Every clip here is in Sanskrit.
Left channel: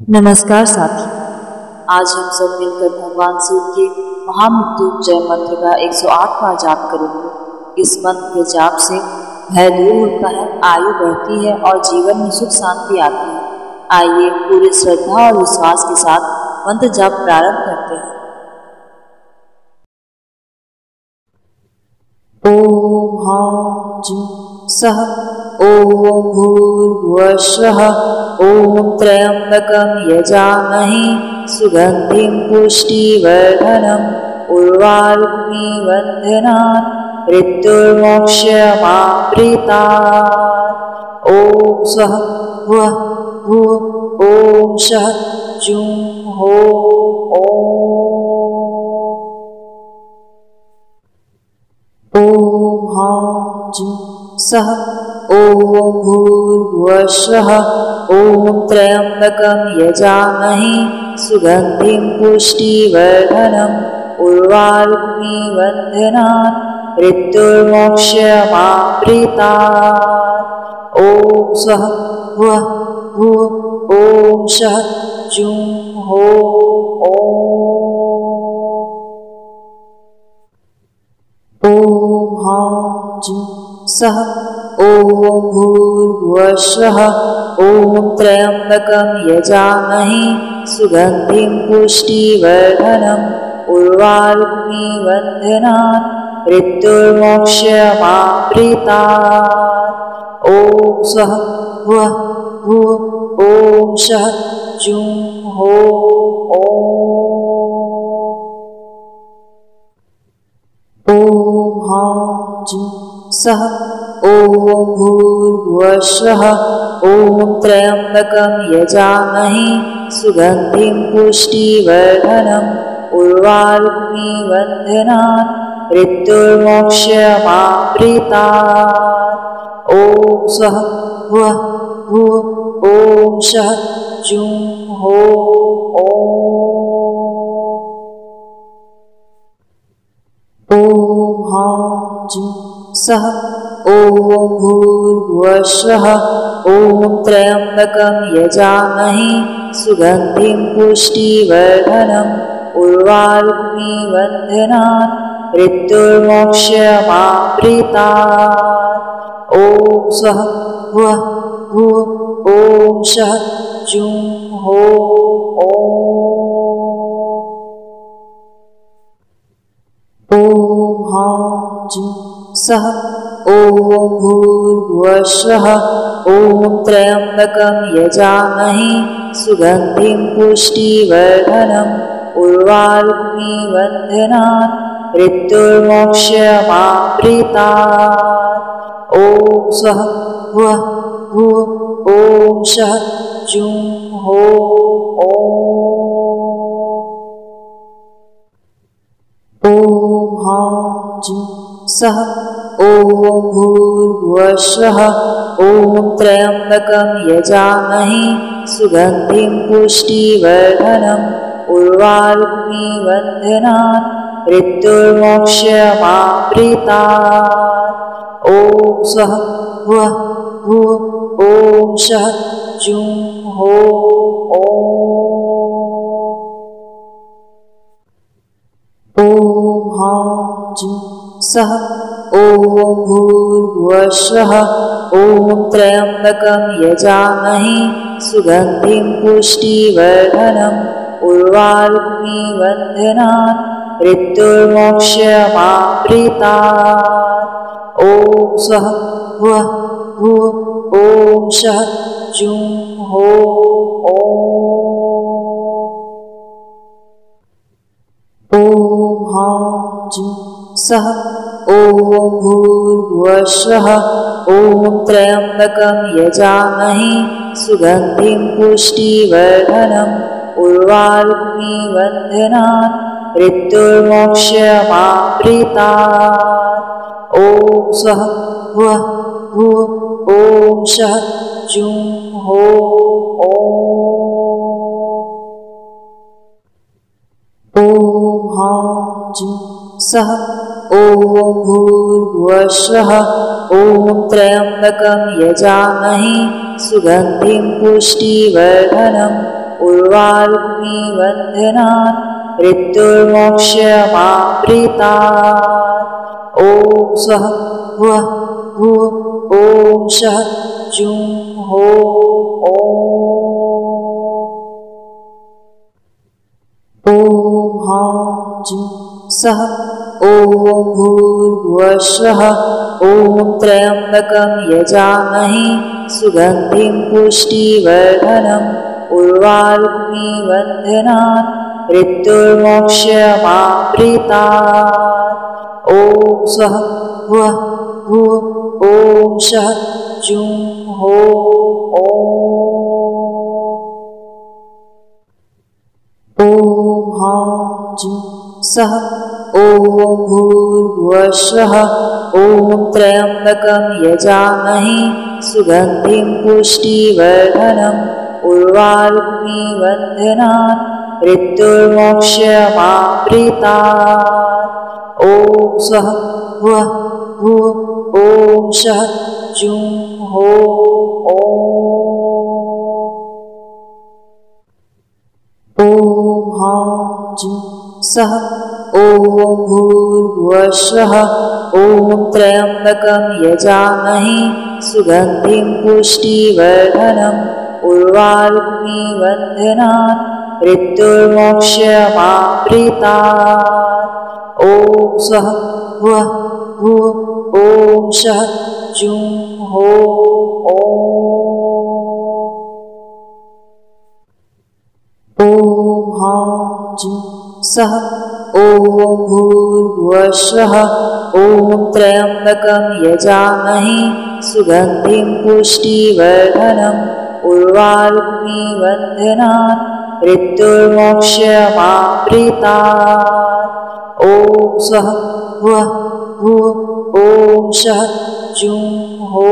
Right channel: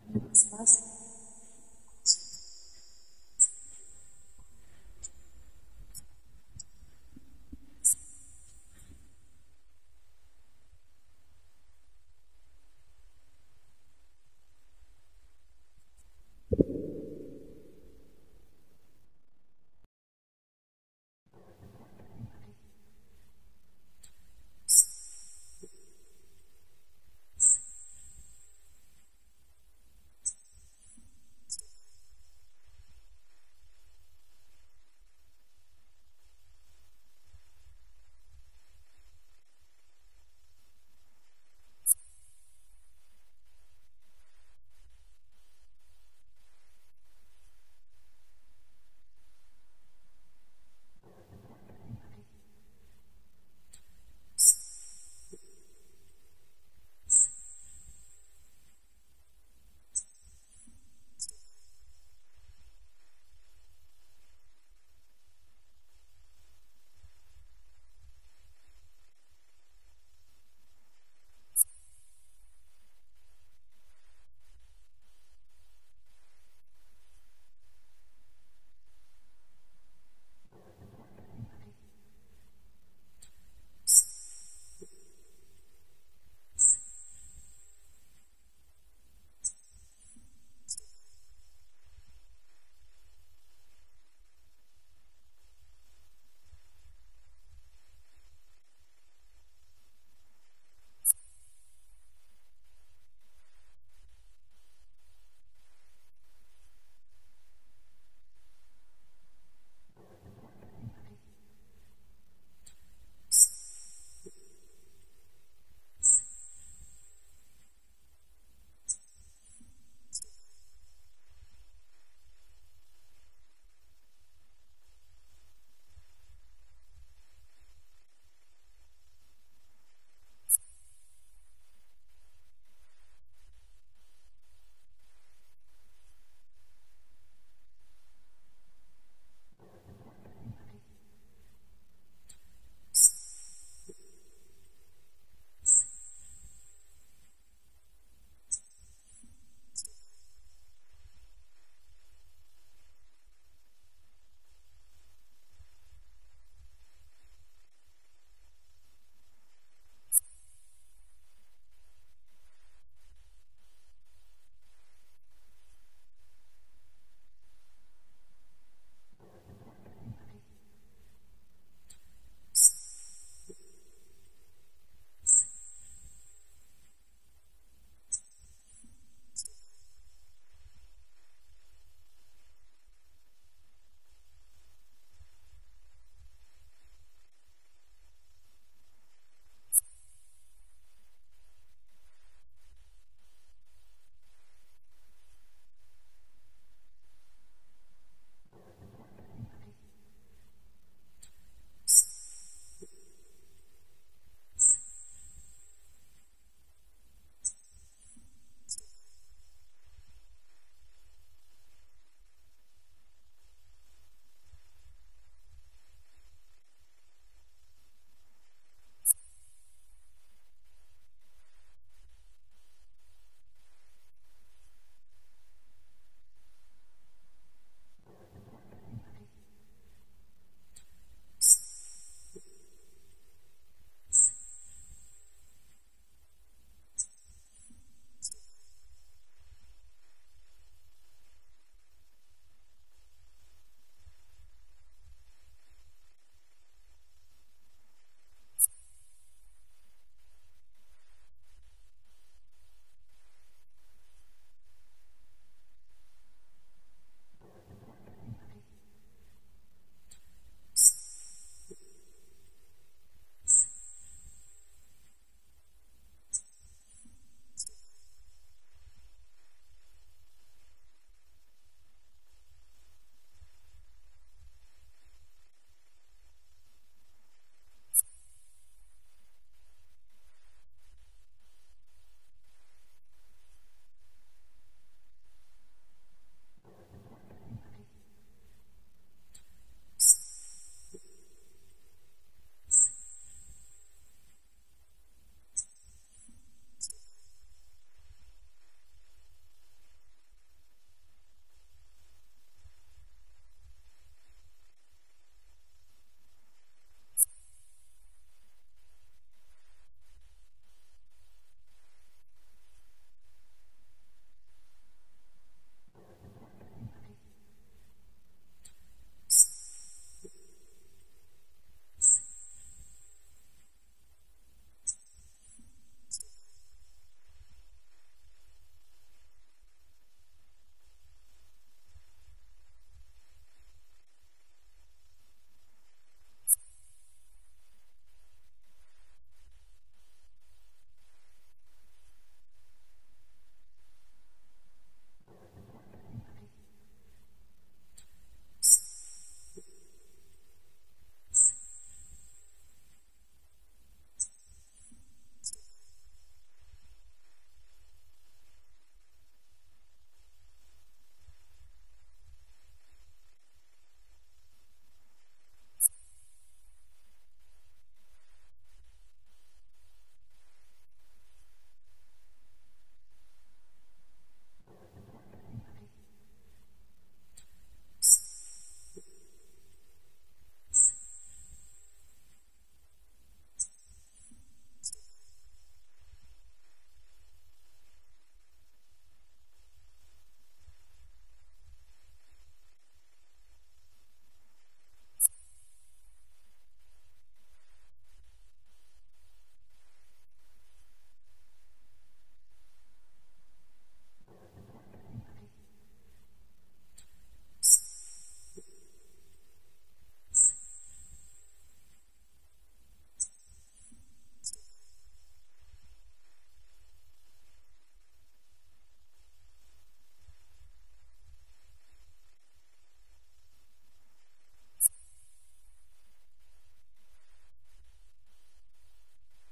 नमस्कार साथी। आज हम सब मिलकर भगवान शिव के महामृत्युंजय मंत्र का 108 बार जाप करेंगे। इस मंत्र के जाप से भय दूर होता है, आयु बढ़ती है और जीवन में सुख शांति आती है। आइए पूरी श्रद्धा और विश्वास के साथ मंत्र जाप प्रारंभ करते हैं। ओम ह्रां जुं सः ओम भूर्भुवः ओम त्र्यंबकं यजामहे सुगंधिं पुष्टिवर्धनम् उर्वारुक्मिं बन्धनान् मृत्युर्मोक्षमामृतात्। ओम स्वः भुवः भुवः ओम शः जुं हो ओम ह्रां जुं सः ओम भूर्भुवः ओम त्र्यंबकं यजामहे सुगंधिं पुष्टिवर्धनम् उर्वारुक्मिं बन्धनान् मृत्युर्मोक्षमामृतात्। ओम स्वः भुवः भुवः ओम शः जुं हो ओम ह्रां जुं सः ओम भूर्भुवः ओम त्र्यंबकं यजामहे सुगंधिं पुष्टिवर्धनम् उर्वारुक्मिं बन्धनान् मृत्युर्मोक्षमामृतात्। ओम स्वः भुवः भुवः ओम शः जुं हो ओम ह्रां जुं सः ओम भूर्भुवः ओम त्र्यंबकं यजामहे सुगंधिं पुष्टिवर्धनम् उर्वारुक्मिं बन्धनान् मृत्युर्मोक्षमामृतात्। ओम स्वः भुवः भुवः ओम शः जुं हो ओम ह्रां जुं सः ओम भूर्भुवः ओम त्र्यंबकं यजामहे सुगंधिं पुष्टिवर्धनम् उर्वारुक्मिं बन्धनान् मृत्युर्मोक्षमामृतात्। ओम स्वः भुवः भुवः ओम शः जुं हो ओम ह्रां जुं सः ओम भूर्भुवः ओम त्र्यंबकं यजामहे सुगंधिं पुष्टिवर्धनम् उर्वारुक्मिं बन्धनान् मृत्युर्मोक्षमामृतात्। ओम स्वः भुवः भुवः ओम शः जुं हो ओम ह्रां जुं सः ओम भूर्भुवः ओम त्र्यंबकं यजामहे सुगंधिं पुष्टिवर्धनम् उर्वारुक्मिं बन्धनान् मृत्युर्मोक्षमामृतात्। ओम स्वः भुवः भुवः ओम शः जुं हो ओम ह्रां जुं सः ओम भूर्भुवः ओम त्र्यंबकं यजामहे सुगंधिं पुष्टिवर्धनम् उर्वारुक्मिं बन्धनान् मृत्युर्मोक्षमामृतात्। ओम स्वः भुवः भुवः ओम शः जुं हो ओम ह्रां जुं सः ओम भूर्भुवः ओम त्र्यंबकं यजामहे सुगंधिं पुष्टिवर्धनम् उर्वारुक्मिं बन्धनान् मृत्युर्मोक्षमामृतात्। ओम स्वः भुवः भुवः ओम शः जुं हो ओम ह्रां जुं सः ओम भूर्भुवः ओम त्र्यंबकं यजामहे सुगंधिं पुष्टिवर्धनम् उर्वारुक्मिबन्धनान् मृत्युर्मोक्षमाप्रीतात्। ॐ स्वः भुवः भुवः ॐ शः जुं हो ॐ हां जुं सः ॐ भूर्भुवः स्वः ॐ त्र्यम्बकं यजामहे सुगन्धिं पुष्टिवर्धनम् उर्वारुक्मिबन्धनान् मृत्युर्मोक्षमाप्रीतात्। ॐ स्वः भुवः भुवः ॐ शः जुं हो ॐ हां जुं सः ॐ भूर्भुवः स्वः ॐ त्र्यम्बकं यजामहे सुगन्धिं पुष्टिवर्धनम् उर्वारुक्मिबन्धनान् मृत्युर्मोक्षमाप्रीतात्। ॐ स्वः भुवः भुवः ॐ शः जुं हो ॐ हां जुं सः ॐ भूर्भुवः स्वः ॐ त्र्यम्बकं यजामहे सुगन्धिं पुष्टिवर्धनम् उर्वारुक्मिबन्धनान् मृत्युर्मोक्षमाप्रीतात्। ॐ स्वः भुवः भुवः ॐ शः जुं हो ॐ हां जुं सः ॐ भूर्भुवः स्वः ॐ त्र्यम्बकं यजामहे सुगन्धिं पुष्टिवर्धनम् उर्वारुक्मिबन्धनान् मृत्युर्मोक्षमाप्रीतात्। ॐ स्वः भुवः भुवः ॐ शः जुं हो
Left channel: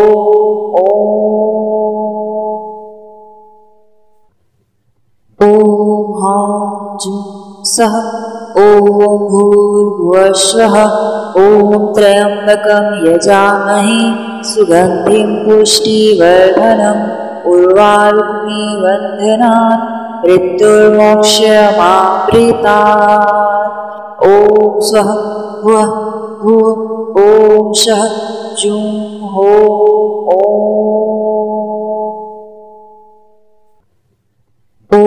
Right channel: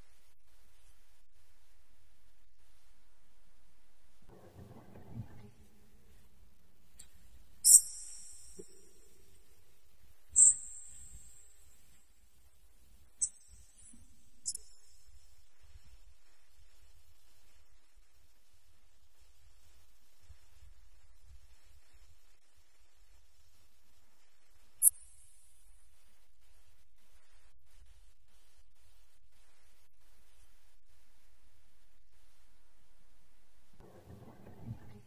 ॐ हां जुं सः ॐ भूर्भुवः स्वः ॐ त्र्यम्बकं यजामहे सुगन्धिं पुष्टिवर्धनम् उर्वारुक्मिबन्धनान् मृत्युर्मोक्षमाप्रीतात्। ॐ स्वः भुवः भुवः ॐ शः जुं हो ॐ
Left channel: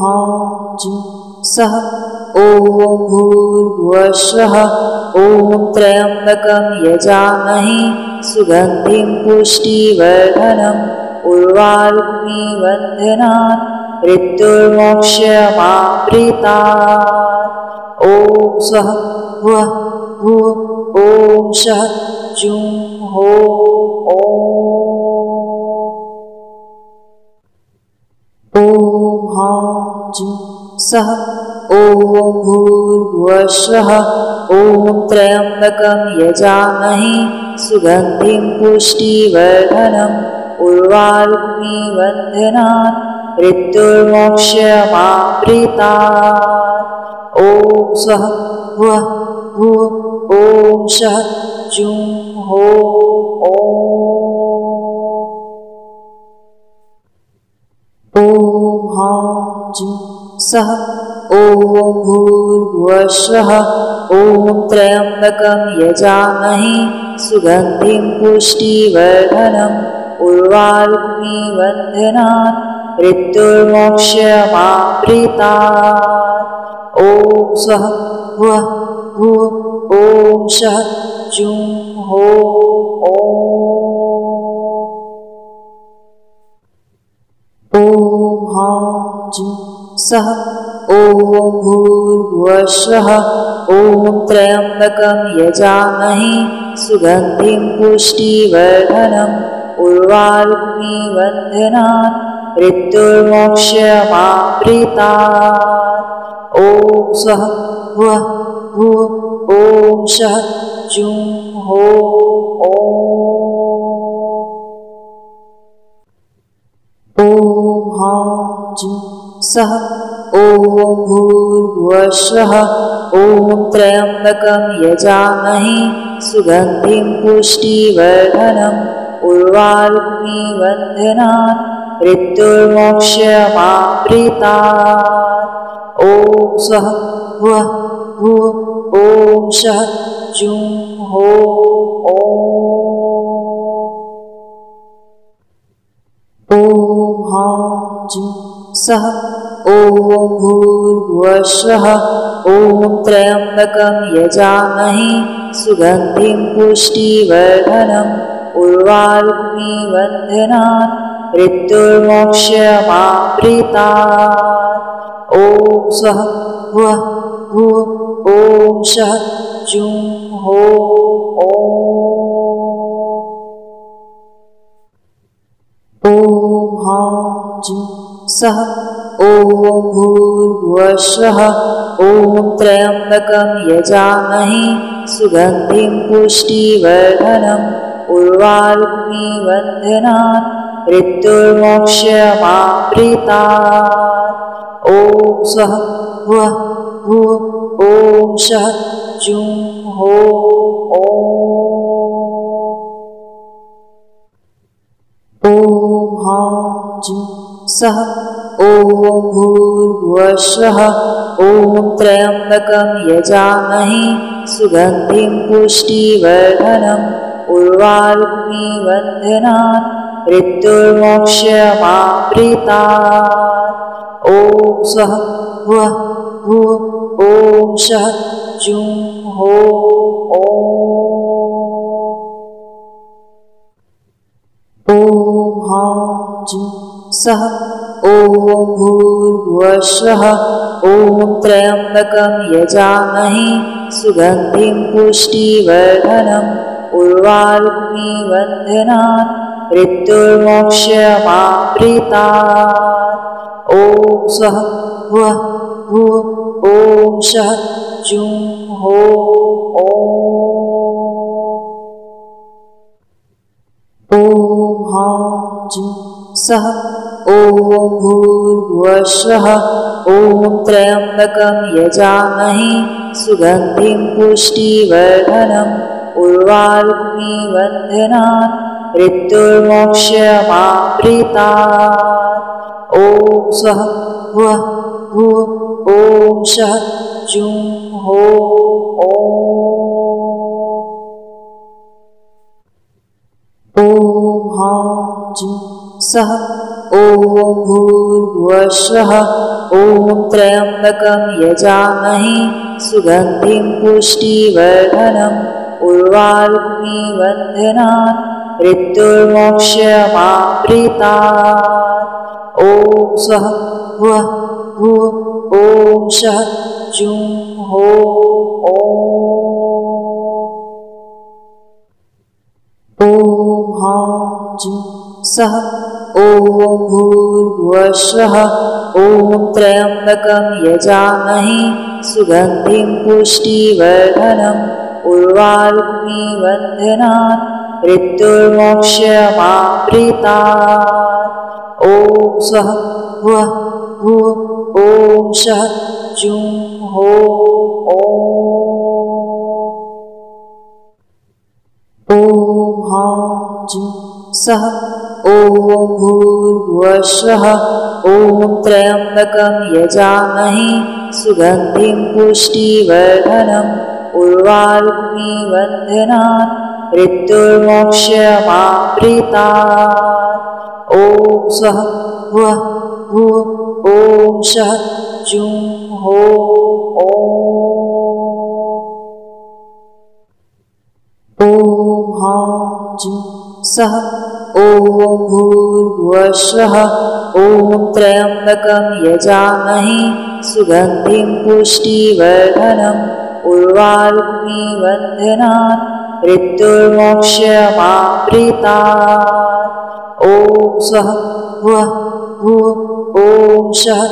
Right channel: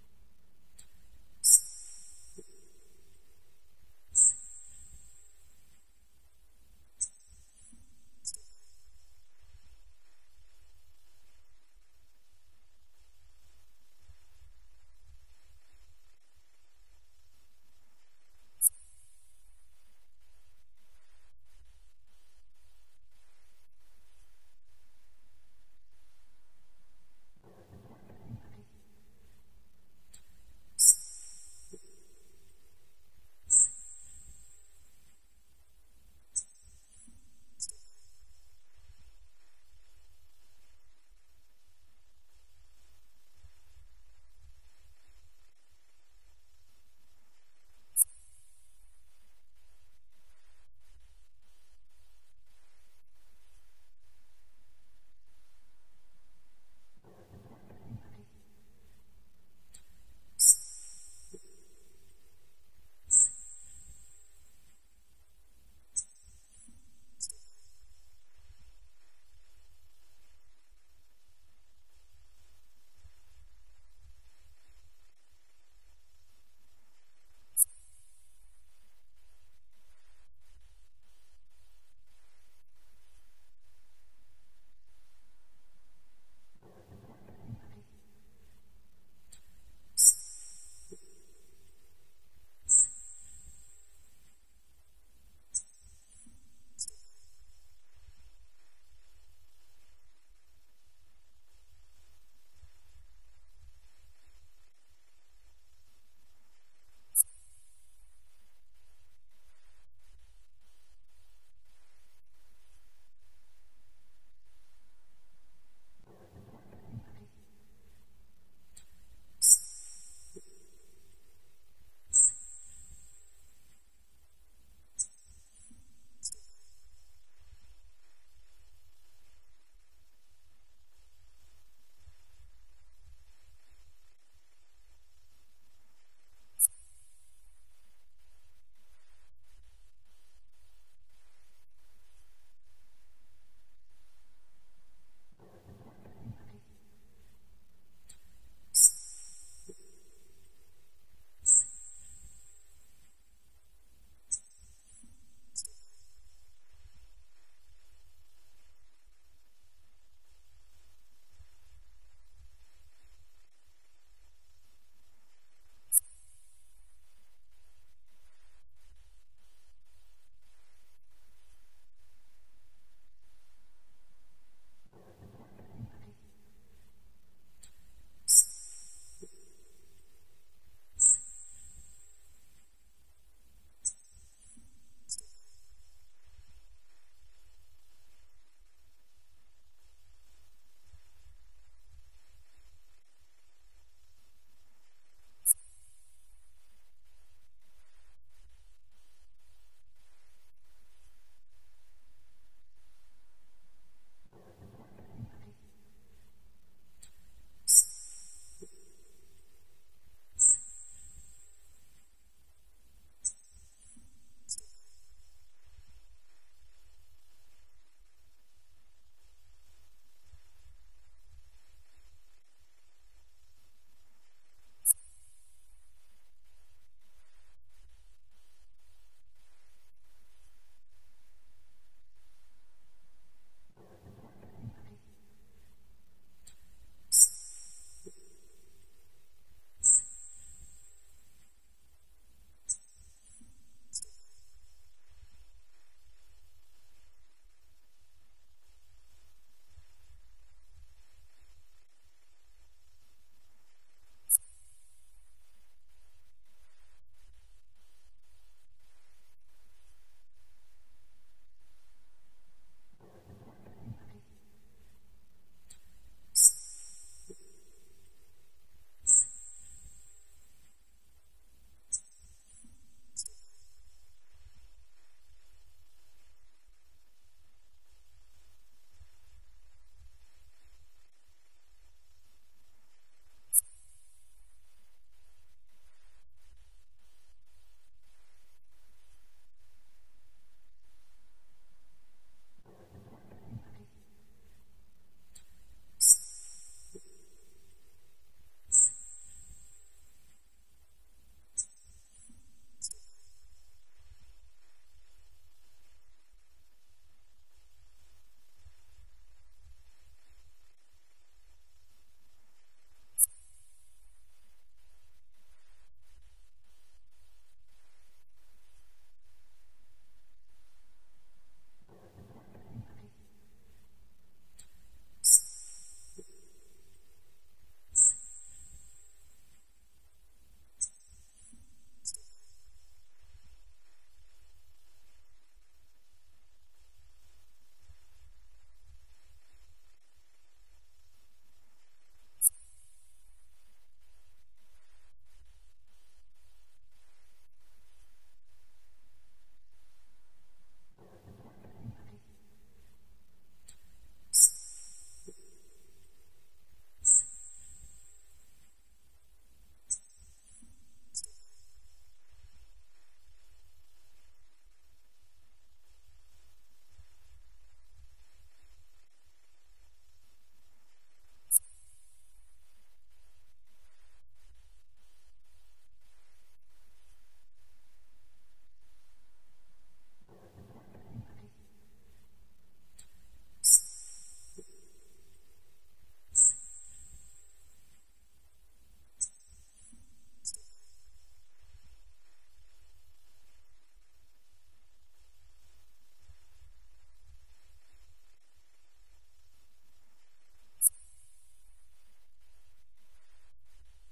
हां जुं सः ॐ भूर्भुवः स्वः ॐ त्र्यम्बकं यजामहे सुगन्धिं पुष्टिवर्धनम् उर्वारुक्मिबन्धनान् मृत्युर्मोक्षमाप्रीतात्। ॐ स्वः भुवः भुवः ॐ शः जुं हो ॐ हां जुं सः ॐ भूर्भुवः स्वः ॐ त्र्यम्बकं यजामहे सुगन्धिं पुष्टिवर्धनम् उर्वारुक्मिबन्धनान् मृत्युर्मोक्षमाप्रीतात्। ॐ स्वः भुवः भुवः ॐ शः जुं हो ॐ हां जुं सः ॐ भूर्भुवः स्वः ॐ त्र्यम्बकं यजामहे सुगन्धिं पुष्टिवर्धनम् उर्वारुक्मिबन्धनान् मृत्युर्मोक्षमाप्रीतात्। ॐ स्वः भुवः भुवः ॐ शः जुं हो ॐ हां जुं सः ॐ भूर्भुवः स्वः ॐ त्र्यम्बकं यजामहे सुगन्धिं पुष्टिवर्धनम् उर्वारुक्मिबन्धनान् मृत्युर्मोक्षमाप्रीतात्। ॐ स्वः भुवः भुवः ॐ शः जुं हो ॐ हां जुं सः ॐ भूर्भुवः स्वः ॐ त्र्यम्बकं यजामहे सुगन्धिं पुष्टिवर्धनम् उर्वारुक्मिबन्धनान् मृत्युर्मोक्षमाप्रीतात्। ॐ स्वः वः भुवः ॐ शः जुं हो ॐ हां जुं सः ॐ भूर्भुवः स्वः ॐ त्र्यम्बकं यजामहे सुगन्धिं पुष्टिवर्धनम् उर्वारुक्मिं बन्धनान् मृत्युर्मोक्षमाप्रीतात्। ॐ स्वः वः भुवः ॐ शः जुं हो ॐ हां जुं सः ॐ भूर्भुवः स्वः ॐ त्र्यम्बकं यजामहे सुगन्धिं पुष्टिवर्धनम् उर्वारुक्मिं बन्धनान् मृत्युर्मोक्षमाप्रीतात्। ॐ स्वः वः भुवः ॐ शः जुं हो ॐ हां जुं सः ॐ भूर्भुवः स्वः ॐ त्र्यम्बकं यजामहे सुगन्धिं पुष्टिवर्धनम् उर्वारुक्मिं बन्धनान् मृत्युर्मोक्षमाप्रीतात्। ॐ स्वः वः भुवः ॐ शः जुं हो ॐ हां जुं सः ॐ भूर्भुवः स्वः ॐ त्र्यम्बकं यजामहे सुगन्धिं पुष्टिवर्धनम् उर्वारुक्मिं बन्धनान् मृत्युर्मोक्षमाप्रीतात्। ॐ स्वः वः भुवः ॐ शः जुं हो ॐ हां जुं सः ॐ भूर्भुवः स्वः ॐ त्र्यम्बकं यजामहे सुगन्धिं पुष्टिवर्धनम् उर्वारुक्मिं बन्धनान् मृत्युर्मोक्षमाप्रीतात्। ॐ स्वः वः भुवः ॐ शः जुं हो ॐ हां जुं सः ॐ भूर्भुवः स्वः ॐ त्र्यम्बकं यजामहे सुगन्धिं पुष्टिवर्धनम् उर्वारुक्मिं बन्धनान् मृत्युर्मोक्षमाप्रीतात्। ॐ स्वः वः भुवः ॐ शः जुं हो ॐ हां जुं सः ॐ भूर्भुवः स्वः ॐ त्र्यम्बकं यजामहे सुगन्धिं पुष्टिवर्धनम् उर्वारुक्मिं बन्धनान् मृत्युर्मोक्षमाप्रीतात्। ॐ स्वः वः भुवः ॐ शः जुं हो ॐ हां जुं सः ॐ भूर्भुवः स्वः ॐ त्र्यम्बकं यजामहे सुगन्धिं पुष्टिवर्धनम् उर्वारुक्मिं बन्धनान् मृत्युर्मोक्षमाप्रीतात्। ॐ स्वः वः भुवः ॐ शः जुं हो ॐ हां जुं सः ॐ भूर्भुवः स्वः ॐ त्र्यम्बकं यजामहे सुगन्धिं पुष्टिवर्धनम् उर्वारुक्मिं बन्धनान् मृत्युर्मोक्षमाप्रीतात्। ॐ स्वः वः भुवः ॐ शः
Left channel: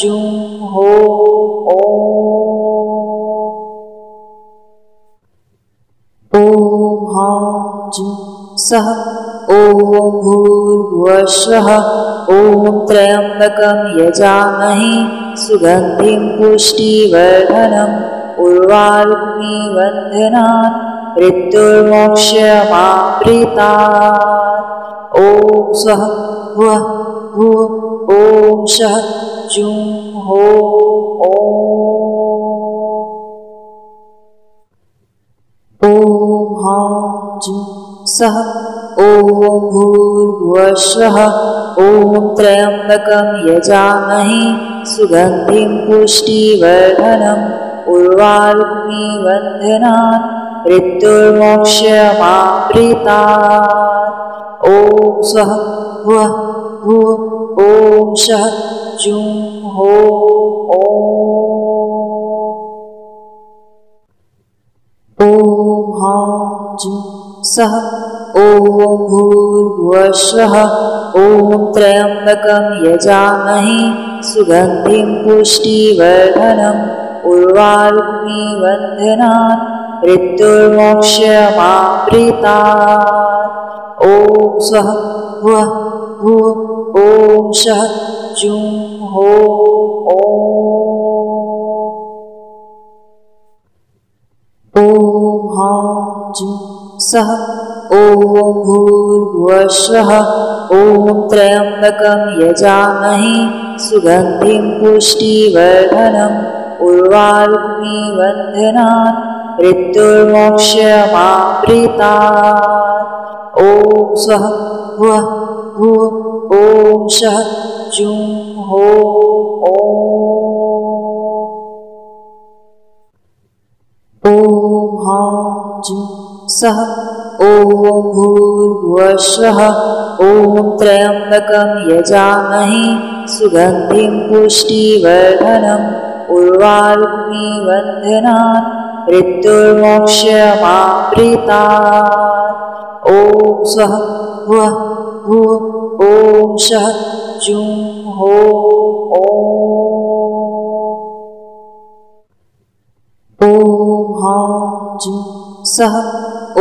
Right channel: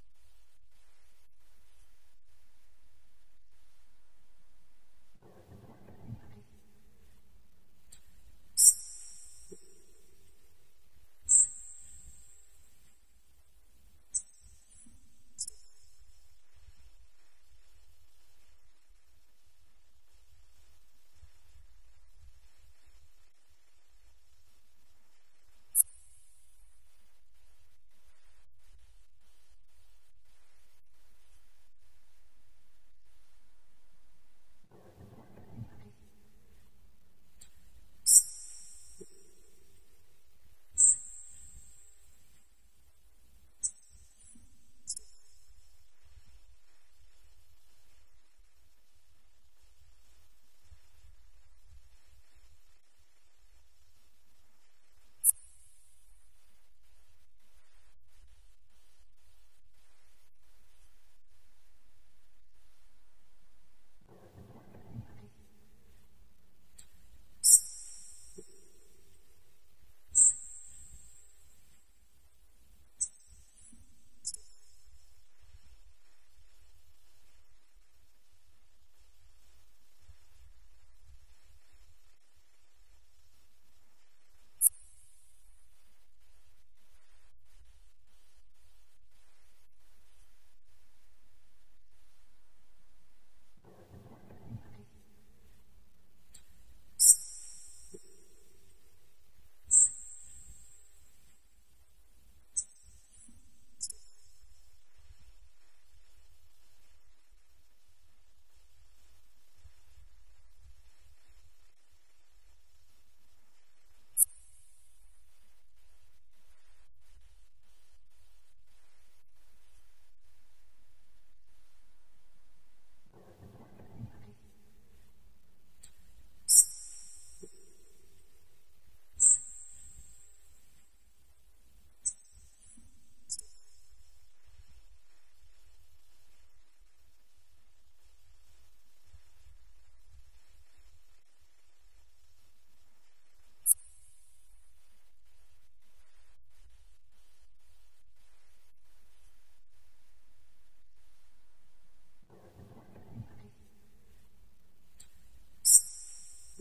जुं हो ॐ हां जुं सः ॐ भूर्भुवः स्वः ॐ त्र्यम्बकं यजामहे सुगन्धिं पुष्टिवर्धनम् उर्वारुक्मिं बन्धनान् मृत्युर्मोक्षमाप्रीतात्। ॐ स्वः वः भुव ॐ शः जुं हो ॐ हां जुं सः ॐ भूर्भुवः स्वः ॐ त्र्यम्बकं यजामहे सुगन्धिं पुष्टिवर्धनम् उर्वारुकमिबन्धनान् मृत्युर्मोक्षमाप्रीतात् ॐ स्वः भुवः भुव ॐ शः जुं हो ॐ हां जुं सः ॐ भूर्भुवः स्वः ॐ त्र्यम्बकं यजामहे सुगन्धिं पुष्टिवर्धनम् उर्वारुकमिबन्धनान् मृत्युर्मोक्षमाप्रीतात् ॐ स्वः भुवः भुव ॐ शः जुं हो ॐ हां जुं सः ॐ भूर्भुवः स्वः ॐ त्र्यम्बकं यजामहे सुगन्धिं पुष्टिवर्धनम् उर्वारुकमिबन्धनान् मृत्युर्मोक्षमाप्रीतात् ॐ स्वः भुवः भुव ॐ शः जुं हो ॐ हां जुं सः ॐ भूर्भुवः स्वः ॐ त्र्यम्बकं यजामहे सुगन्धिं पुष्टिवर्धनम् उर्वारुकमिबन्धनान् मृत्युर्मोक्षमाप्रीतात् ॐ स्वः भुवः भुव ॐ शः जुं हो ॐ हां जुं सः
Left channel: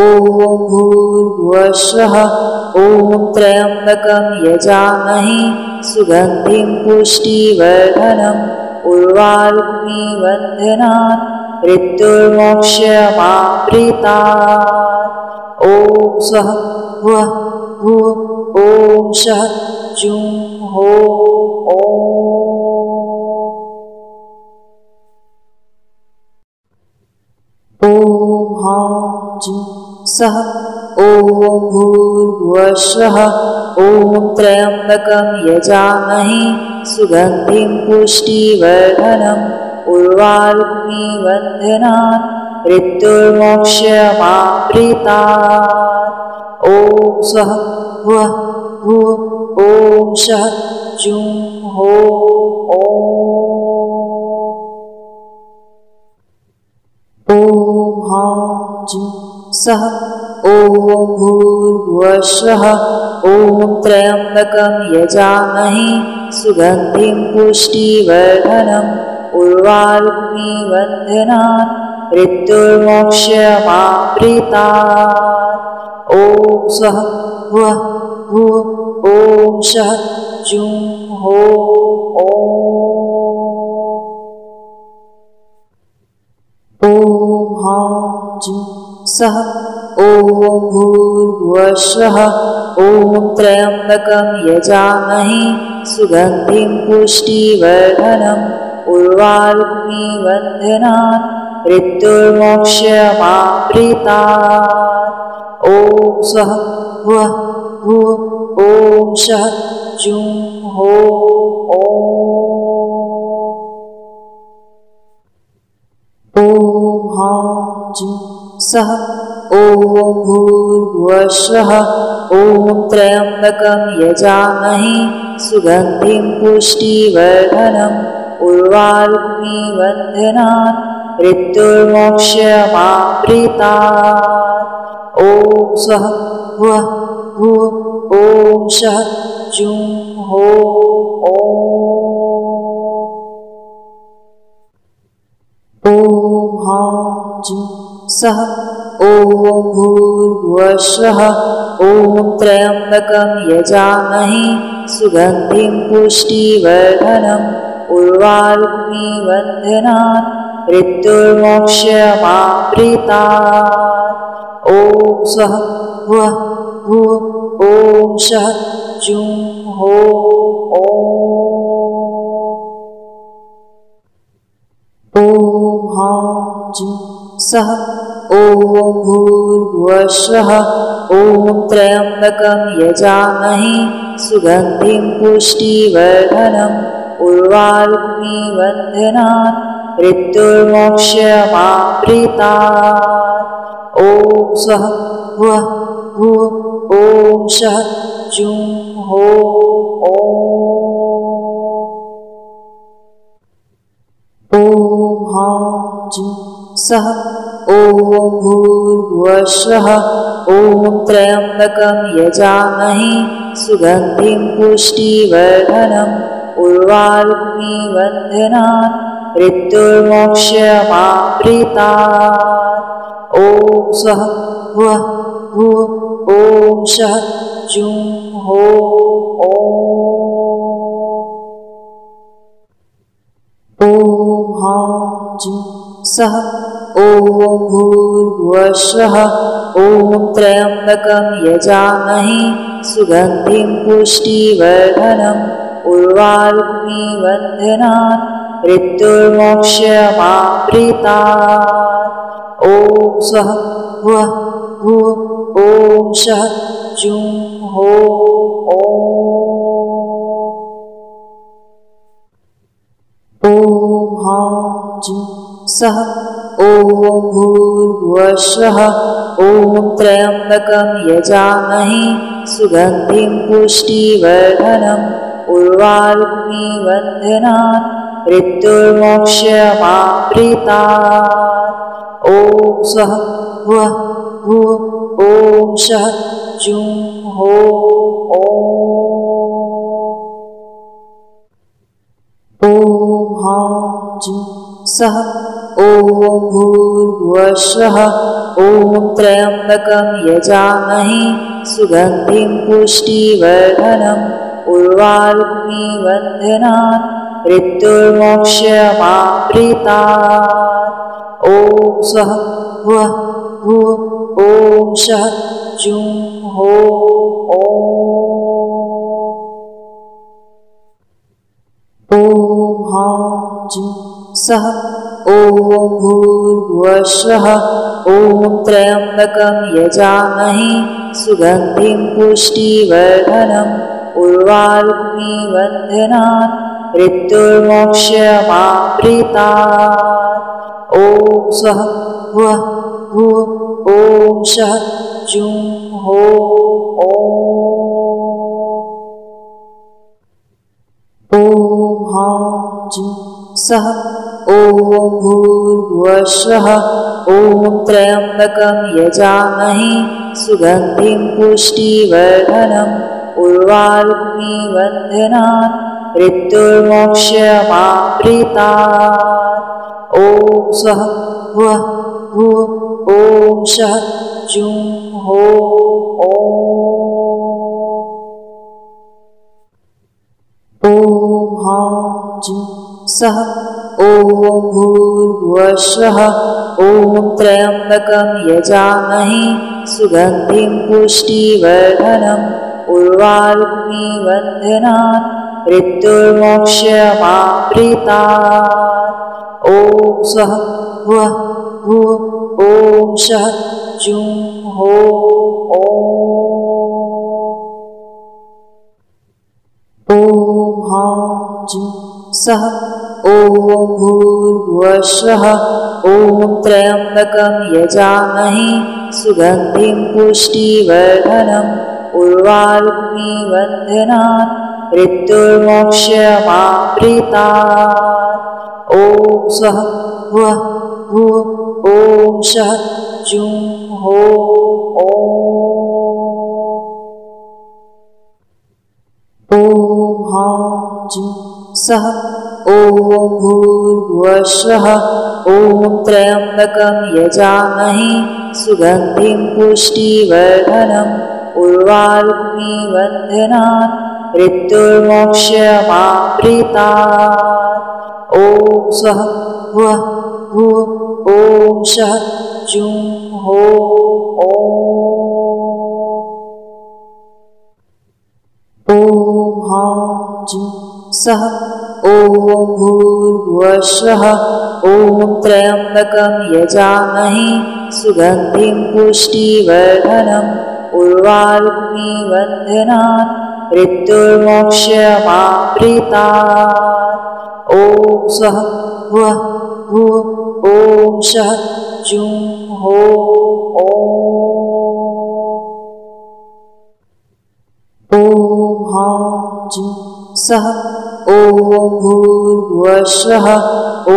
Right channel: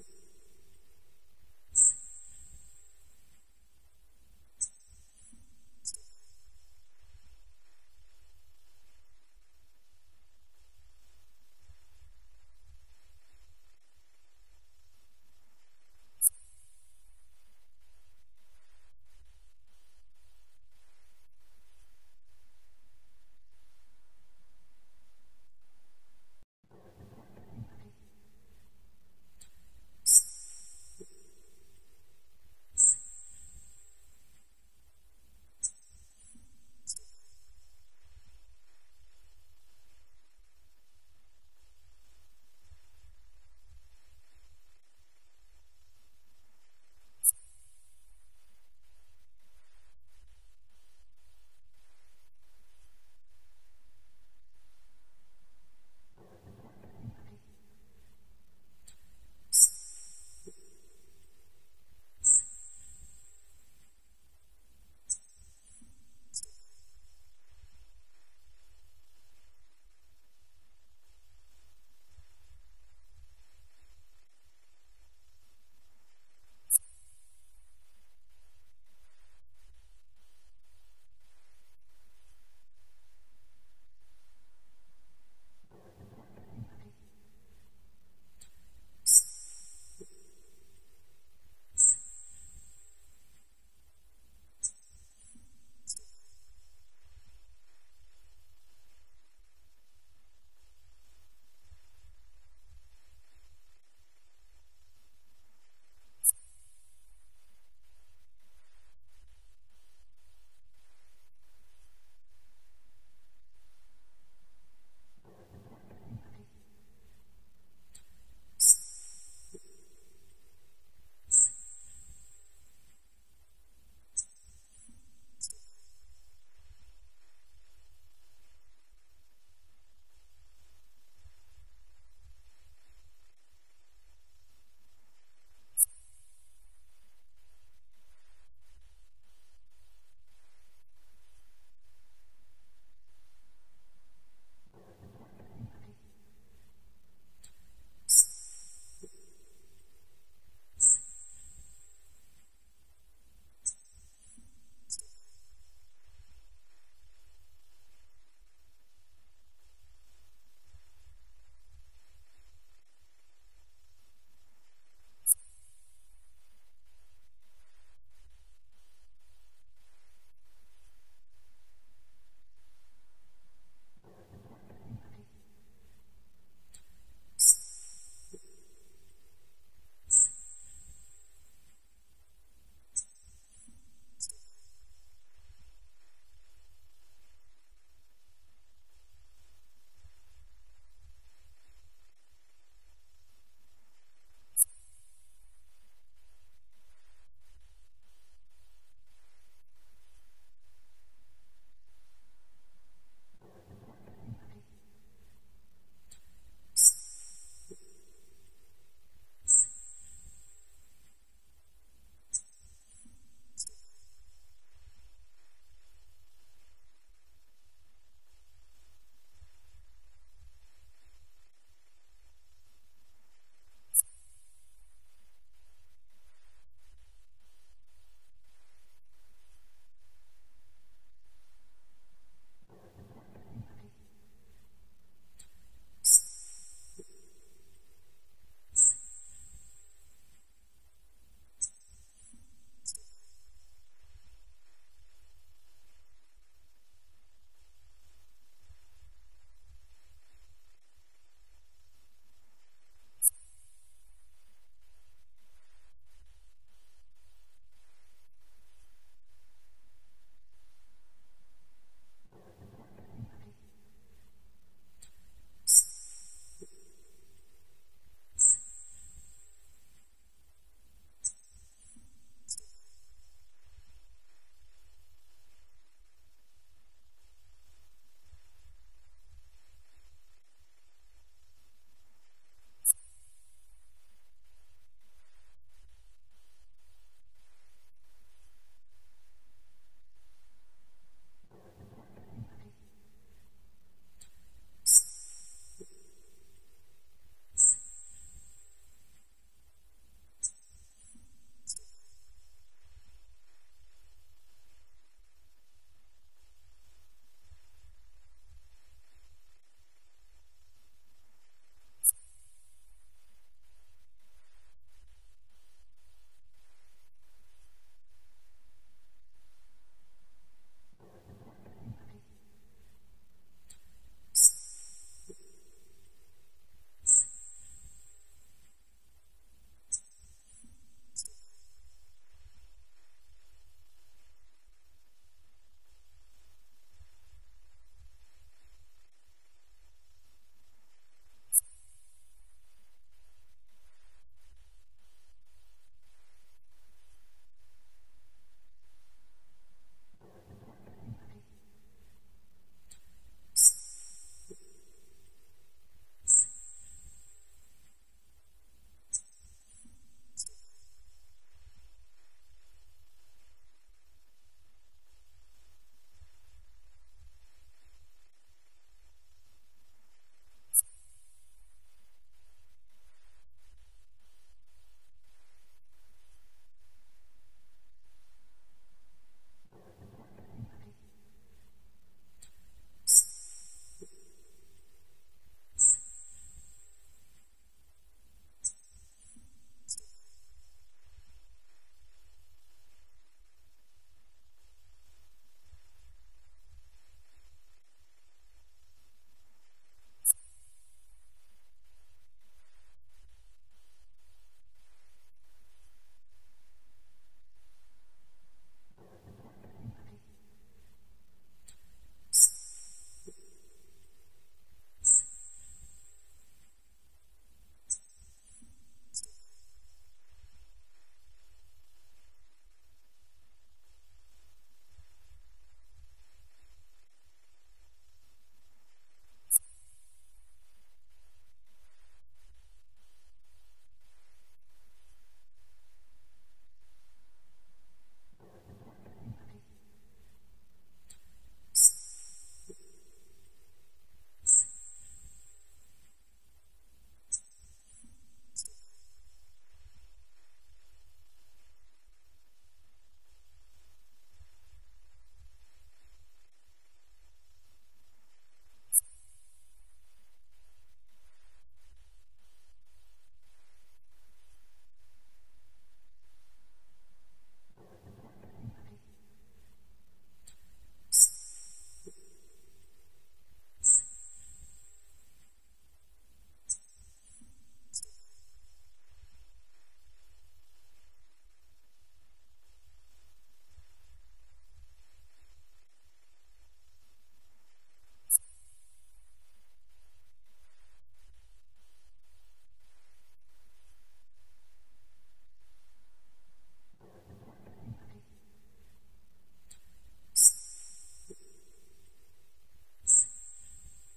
ॐ भूर्भुवः स्वः ॐ त्र्यम्बकं यजामहे सुगन्धिं पुष्टिवर्धनम् उर्वारुकमिबन्धनान् मृत्युर्मोक्षमाप्रीतात् ॐ स्वः भुवः भुव ॐ शः जुं हो ॐ हां जुं सः ॐ भूर्भुवः स्वः ॐ त्र्यम्बकं यजामहे सुगन्धिं पुष्टिवर्धनम् उर्वारुकमिबन्धनान् मृत्युर्मोक्षमाप्रीतात् ॐ स्वः भुवः भुव ॐ शः जुं हो ॐ हां जुं सः ॐ भूर्भुवः स्वः ॐ त्र्यम्बकं यजामहे सुगन्धिं पुष्टिवर्धनम् उर्वारुकमिबन्धनान् मृत्युर्मोक्षमाप्रीतात् ॐ स्वः भुवः भुव ॐ शः जुं हो ॐ हां जुं सः ॐ भूर्भुवः स्वः ॐ त्र्यम्बकं यजामहे सुगन्धिं पुष्टिवर्धनम् उर्वारुकमिबन्धनान् मृत्युर्मोक्षमाप्रीतात् ॐ स्वः भुवः भुव ॐ शः जुं हो ॐ हां जुं सः ॐ भूर्भुवः स्वः ॐ त्र्यम्बकं यजामहे सुगन्धिं पुष्टिवर्धनम् उर्वारुकमिबन्धनान् मृत्युर्मोक्षमाप्रीतात् ॐ स्वः भुवः भुव ॐ शः जुं हो ॐ हां जुं सः ॐ भूर्भुवः स्वः ॐ त्र्यम्बकं यजामहे सुगन्धिं पुष्टिवर्धनम् उर्वारुकमिबन्धनान् मृत्युर्मोक्षमाप्रीतात् ॐ स्वः भुवः भुव ॐ शः जुं हो सः ॐ भूर्भुवः ॐ त्र्यम्बकं यजामहे सुगन्धिं पुष्टिवर्धनम् उर्वारुकमिबन्धनान् मृत्युर्मोक्षमामृतात्। ॐ स्वः भुवः भुवः ॐ शः जुं हो ॐ हां जुं सः ॐ भूर्भुवः ॐ त्र्यम्बकं यजामहे सुगन्धिं पुष्टिवर्धनम् उर्वारुकमिबन्धनान् मृत्युर्मोक्षमामृतात्। ॐ स्वः भुवः भुवः ॐ शः जुं हो ॐ हां जुं सः ॐ भूर्भुवः ॐ त्र्यम्बकं यजामहे सुगन्धिं पुष्टिवर्धनम् उर्वारुकमिबन्धनान् मृत्युर्मोक्षमामृतात्। ॐ स्वः भुवः भुवः ॐ शः जुं हो ॐ हां जुं सः ॐ भूर्भुवः ॐ त्र्यम्बकं यजामहे सुगन्धिं पुष्टिवर्धनम् उर्वारुकमिबन्धनान् मृत्युर्मोक्षमामृतात्। ॐ स्वः भुवः भुवः ॐ शः जुं हो ॐ हां जुं सः ॐ भूर्भुवः ॐ त्र्यम्बकं यजामहे सुगन्धिं पुष्टिवर्धनम् उर्वारुकमिबन्धनान् मृत्युर्मोक्षमामृतात्। ॐ स्वः भुवः भुवः ॐ शः जुं हो ॐ हां जुं सः ॐ भूर्भुवः ॐ त्र्यम्बकं यजामहे सुगन्धिं पुष्टिवर्धनम् उर्वारुकमिबन्धनान् मृत्युर्मोक्षमामृतात्। ॐ स्वः भुवः भुवः ॐ शः जुं हो ॐ हां जुं सः ॐ भूर्भुवः ॐ त्र्यम्बकं यजामहे सुगन्धिं पुष्टिवर्धनम् उर्वारुकमिबन्धनान् मृत्युर्मोक्षमामृतात्। ॐ स्वः भुवः भुवः ॐ शः जुं हो ॐ हां जुं सः ॐ भूर्भुवः ॐ त्र्यम्बकं यजामहे सुगन्धिं पुष्टिवर्धनम् उर्वारुकमिबन्धनान् मृत्युर्मोक्षमामृतात्। ॐ स्वः भुवः भुवः ॐ शः जुं हो ॐ हां जुं सः ॐ भूर्भुवः ॐ त्र्यम्बकं यजामहे सुगन्धिं पुष्टिवर्धनम् उर्वारुकमिबन्धनान् मृत्युर्मोक्षमामृतात्। ॐ स्वः भुवः भुवः ॐ शः जुं हो ॐ हां जुं सः ॐ भूर्भुवः ॐ त्र्यम्बकं यजामहे सुगन्धिं पुष्टिवर्धनम् उर्वारुकमिबन्धनान् मृत्युर्मोक्षमामृतात्। ॐ स्वः भुवः भुवः ॐ शः जुं हो ॐ हां जुं सः ॐ भूर्भुवः ॐ त्र्यम्बकं यजामहे सुगन्धिं पुष्टिवर्धनम् उर्वारुक्मिं बन्धनान् मृत्युर्मोक्षमाप्रीतात्। ॐ स्वः भुवः भुवः ॐ शः जुं हो ॐ हां जुं सः ॐ भूर्भुवः ॐ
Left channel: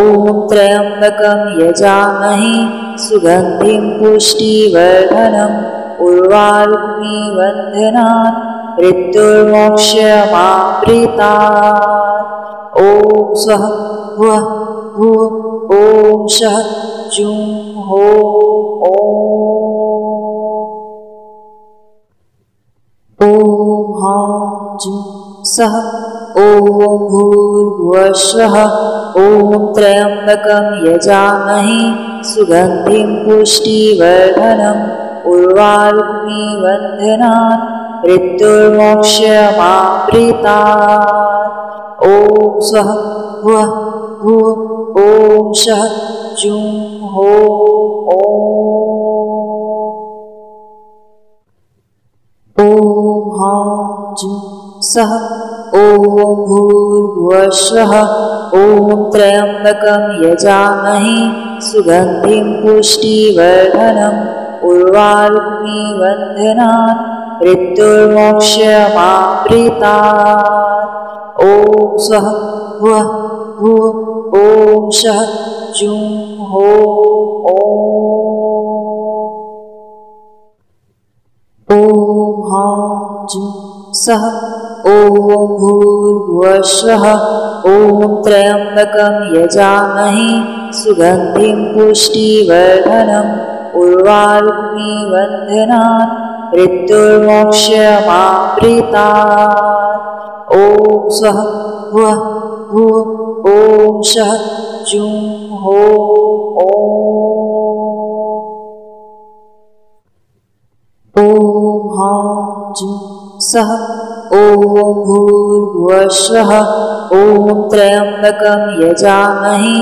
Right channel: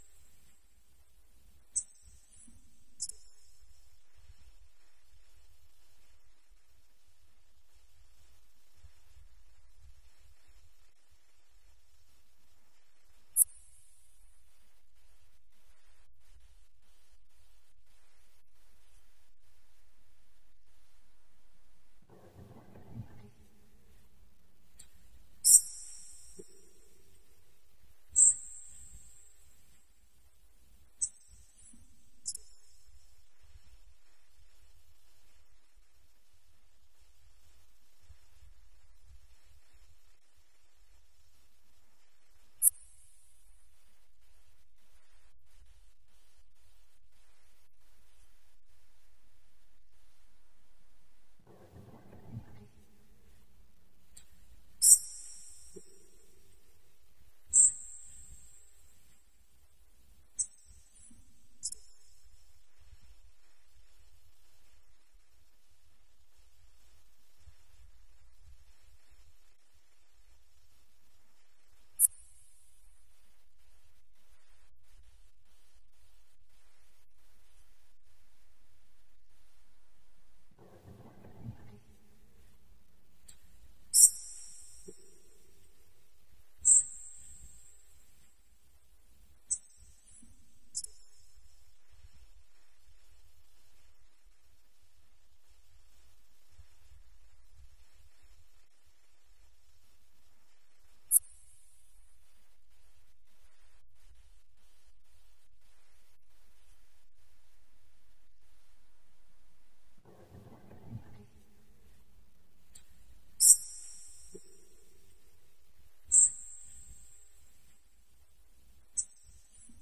त्र्यम्बकं यजामहे सुगन्धिं पुष्टिवर्धनम् उर्वारुक्मिं बन्धनान् मृत्युर्मोक्षमाप्रीतात्। ॐ स्वः भुवः भुवः ॐ शः जुं हो ॐ हां जुं सः ॐ भूर्भुवः ॐ त्र्यम्बकं यजामहे सुगन्धिं पुष्टिवर्धनम् उर्वारुक्मिं बन्धनान् मृत्युर्मोक्षमाप्रीतात्। ॐ स्वः भुवः भुवः ॐ शः जुं हो ॐ हां जुं सः ॐ भूर्भुवः ॐ त्र्यम्बकं यजामहे सुगन्धिं पुष्टिवर्धनम् उर्वारुक्मिं बन्धनान् मृत्युर्मोक्षमाप्रीतात्। ॐ स्वः भुवः भुवः ॐ शः जुं हो ॐ हां जुं सः ॐ भूर्भुवः ॐ त्र्यम्बकं यजामहे सुगन्धिं पुष्टिवर्धनम् उर्वारुक्मिं बन्धनान् मृत्युर्मोक्षमाप्रीतात्। ॐ स्वः भुवः भुवः ॐ शः जुं हो ॐ हां जुं सः ॐ भूर्भुवः ॐ त्र्यम्बकं यजामहे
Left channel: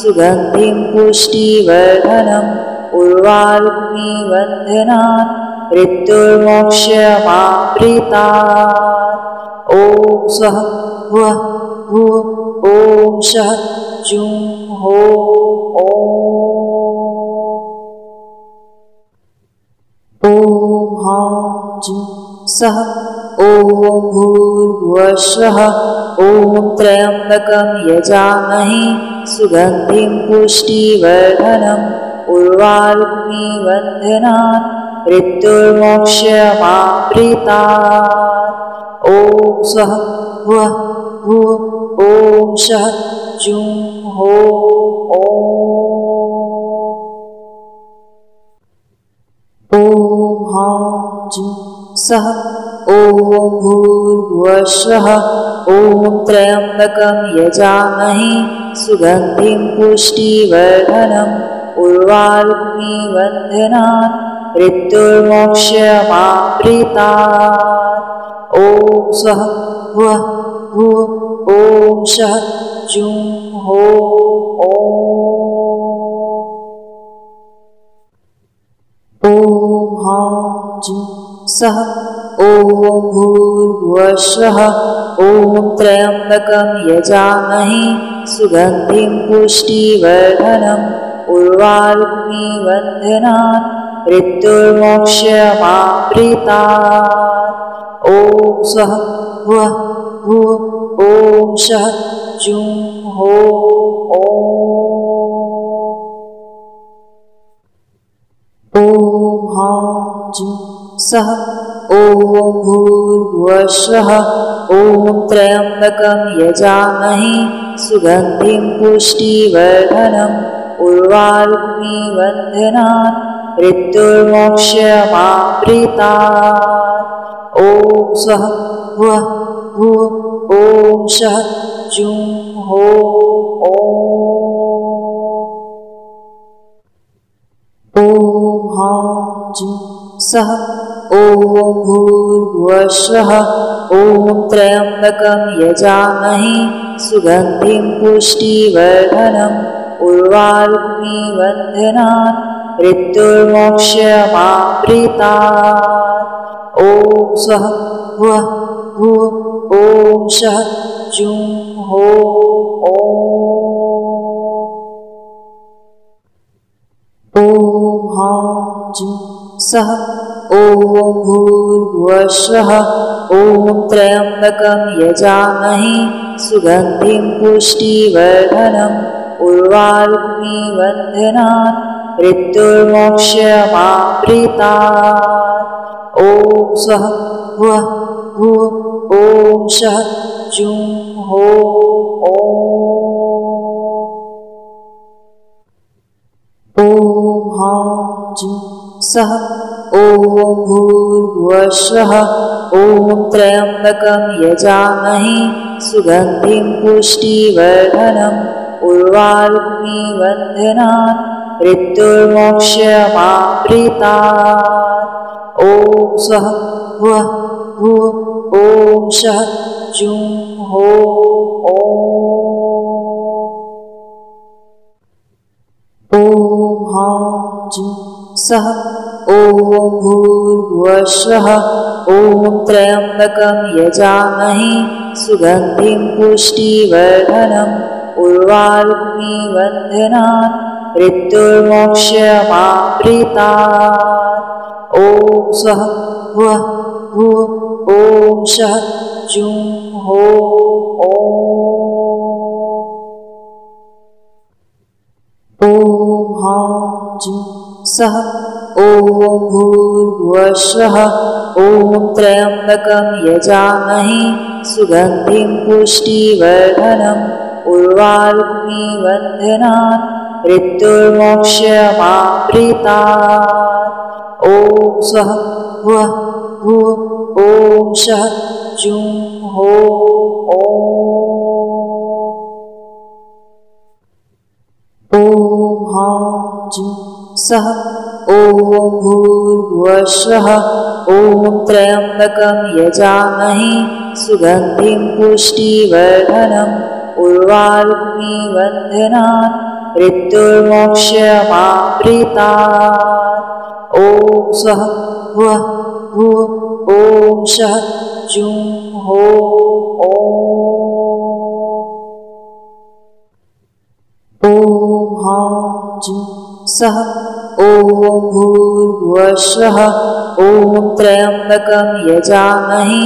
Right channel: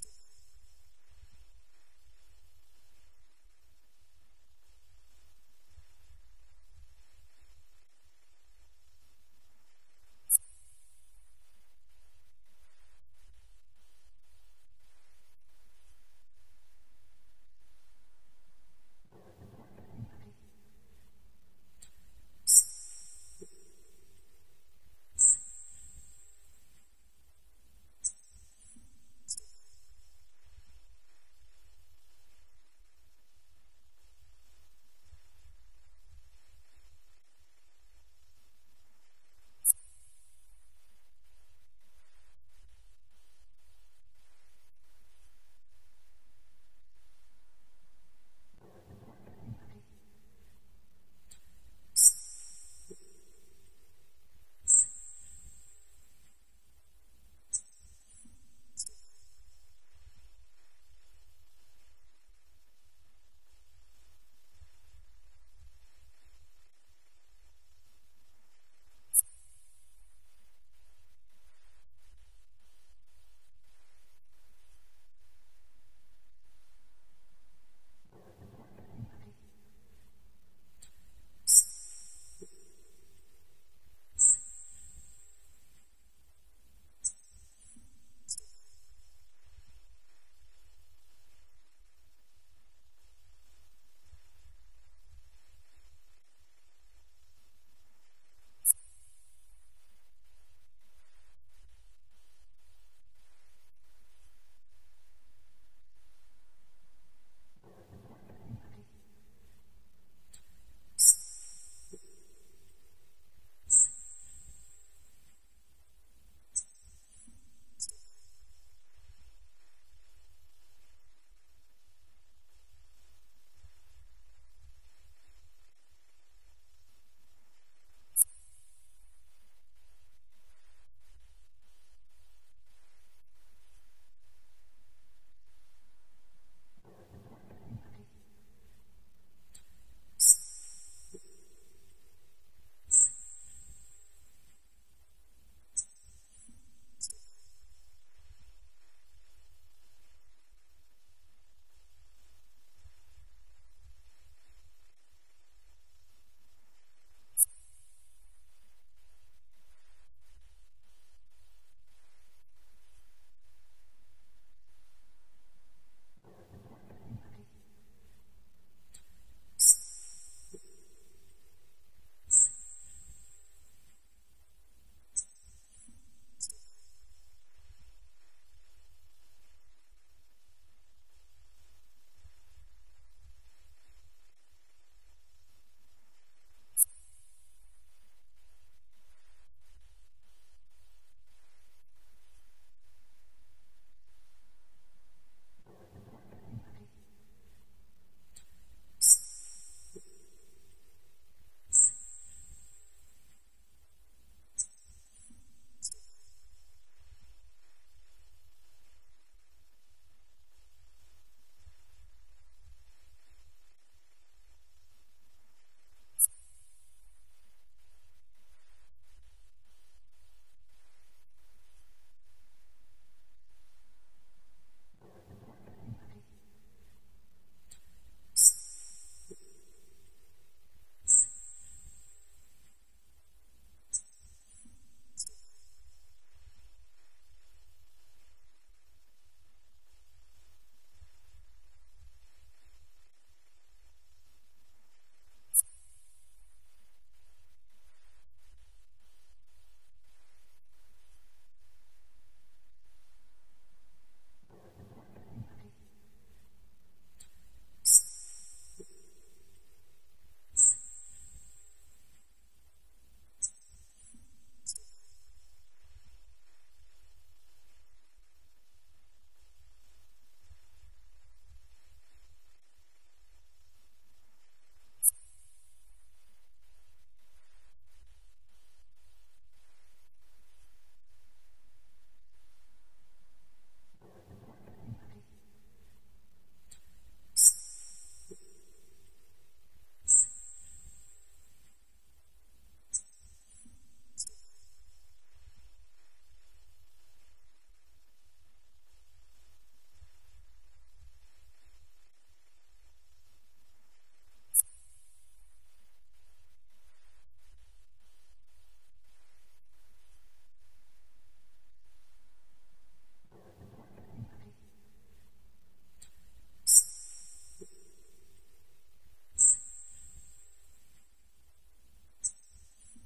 सुगन्धिं पुष्टिवर्धनम् उर्वारुक्मिं बन्धनान् मृत्युर्मोक्षमाप्रीतात्। ॐ स्वः भुवः भुवः ॐ शः जुं हो ॐ हां जुं सः ॐ भूर्भुवः ॐ त्र्यम्बकं यजामहे सुगन्धिं पुष्टिवर्धनम् उर्वारुक्मिं बन्धनान् मृत्युर्मोक्षमाप्रीतात्। ॐ स्वः भुवः भुवः ॐ शः जुं हो ॐ हां जुं सः ॐ भूर्भुवः ॐ त्र्यम्बकं यजामहे सुगन्धिं पुष्टिवर्धनम् उर्वारुक्मिं बन्धनान् मृत्युर्मोक्षमाप्रीतात्। ॐ स्वः भुवः भुवः ॐ शः जुं हो ॐ हां जुं सः ॐ भूर्भुवः ॐ त्र्यम्बकं यजामहे सुगन्धिं पुष्टिवर्धनम् उर्वारुक्मिं बन्धनान् मृत्युर्मोक्षमाप्रीतात्। ॐ स्वः भुवः भुवः ॐ शः जुं हो ॐ हां जुं सः ॐ भूर्भुवः ॐ त्र्यम्बकं यजामहे सुगन्धिं पुष्टिवर्धनम् उर्वारुक्मिं बन्धनान् मृत्युर्मोक्षमाप्रीतात्। ॐ स्वः भुवः भुवः ॐ शः जुं हो ॐ हां जुं सः ॐ भूर्भुवः ॐ त्र्यम्बकं यजामहे सुगन्धिं पुष्टिवर्धनम् उर्वारुक्मी वन्दनान् मृत्युर्मोक्षमाप्रीतात्। ॐ स्वः वः भुवः ॐ शः जुं हो ॐ हां जुं सः ॐ भूर्भुवः स्वः ॐ त्र्यम्बकं यजामहे सुगन्धिं पुष्टिवर्धनम् उर्वारुक्मी वन्दनान् मृत्युर्मोक्षमाप्रीतात्। ॐ स्वः वः भुवः ॐ शः जुं हो ॐ हां जुं सः ॐ भूर्भुवः स्वः ॐ त्र्यम्बकं यजामहे सुगन्धिं पुष्टिवर्धनम् उर्वारुक्मी वन्दनान् मृत्युर्मोक्षमाप्रीतात्। ॐ स्वः वः भुवः ॐ शः जुं हो ॐ हां जुं सः ॐ भूर्भुवः स्वः ॐ त्र्यम्बकं यजामहे सुगन्धिं पुष्टिवर्धनम् उर्वारुक्मी वन्दनान् मृत्युर्मोक्षमाप्रीतात्। ॐ स्वः वः भुवः ॐ शः जुं हो ॐ हां जुं सः ॐ भूर्भुवः स्वः ॐ त्र्यम्बकं यजामहे सुगन्धिं पुष्टिवर्धनम् उर्वारुक्मी वन्दनान् मृत्युर्मोक्षमाप्रीतात्। ॐ स्वः वः भुवः ॐ शः जुं हो ॐ हां जुं सः ॐ भूर्भुवः स्वः ॐ त्र्यम्बकं यजामहे सुगन्धिं पुष्टिवर्धनम् उर्वारुक्मी वन्दनान् मृत्युर्मोक्षमाप्रीतात्। ॐ स्वः वः भुवः ॐ शः जुं हो ॐ हां जुं सः ॐ भूर्भुवः स्वः ॐ त्र्यम्बकं यजामहे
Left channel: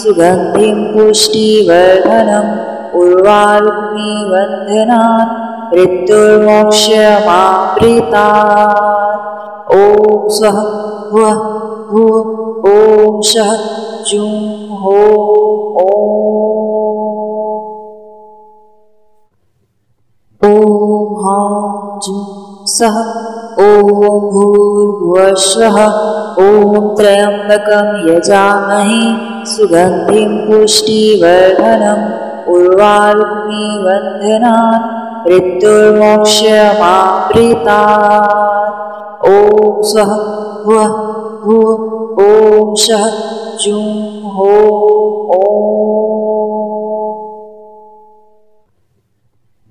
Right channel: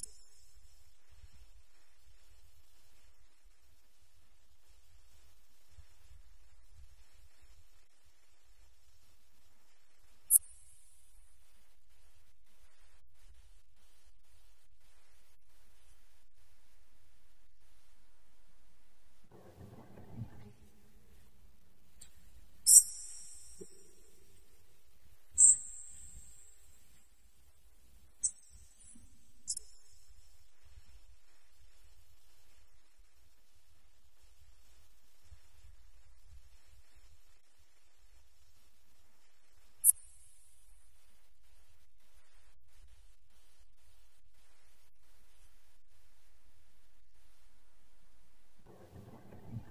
सुगन्धिं पुष्टिवर्धनम् उर्वारुक्मी वन्दनान् मृत्युर्मोक्षमाप्रीतात्। ॐ स्वः वः भुवः ॐ शः जुं हो ॐ हां जुं सः ॐ भूर्भुवः स्वः ॐ त्र्यम्बकं यजामहे सुगन्धिं पुष्टिवर्धनम् उर्वारुक्मी वन्दनान् मृत्युर्मोक्षमाप्रीतात्। ॐ स्वः वः भुवः ॐ शः जुं हो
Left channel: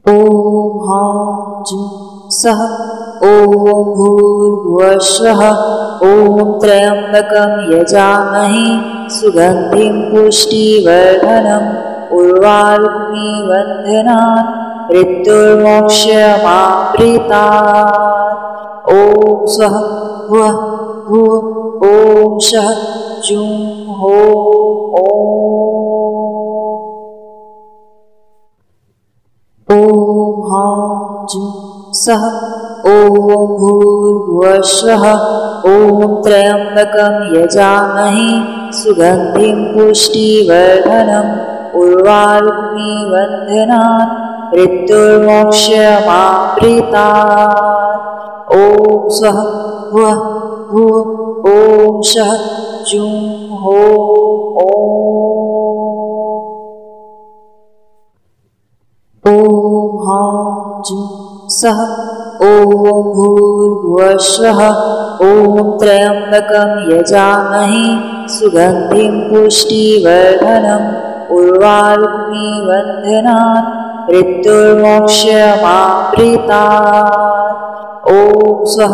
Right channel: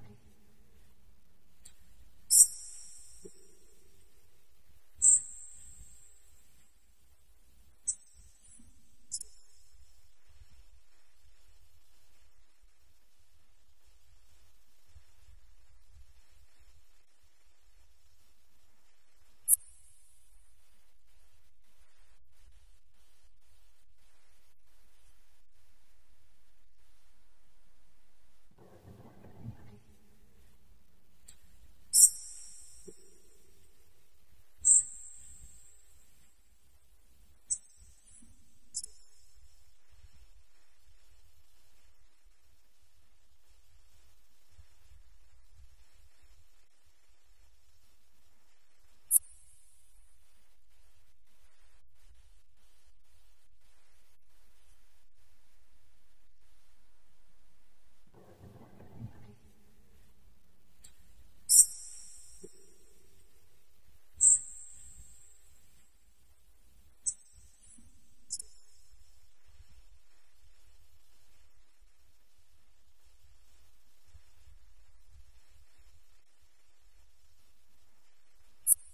ॐ हां जुं सः ॐ भूर्भुवः स्वः ॐ त्र्यम्बकं यजामहे सुगन्धिं पुष्टिवर्धनम् उर्वारुक्मी वन्दनान् मृत्युर्मोक्षमाप्रीतात्। ॐ स्वः वः भुवः ॐ शः जुं हो ॐ हां जुं सः ॐ भूर्भुवः स्वः ॐ त्र्यम्बकं यजामहे सुगन्धिं पुष्टिवर्धनम् उर्वारुक्मी वन्दनान् मृत्युर्मोक्षमाप्रीतात्। ॐ स्वः वः भुवः ॐ शः जुं हो ॐ हां जुं सः ॐ भूर्भुवः स्वः ॐ त्र्यम्बकं यजामहे सुगन्धिं पुष्टिवर्धनम् उर्वारुक्मिबन्धनात् मृत्युर्मोक्षमाप्रीतात्। ॐ स्वः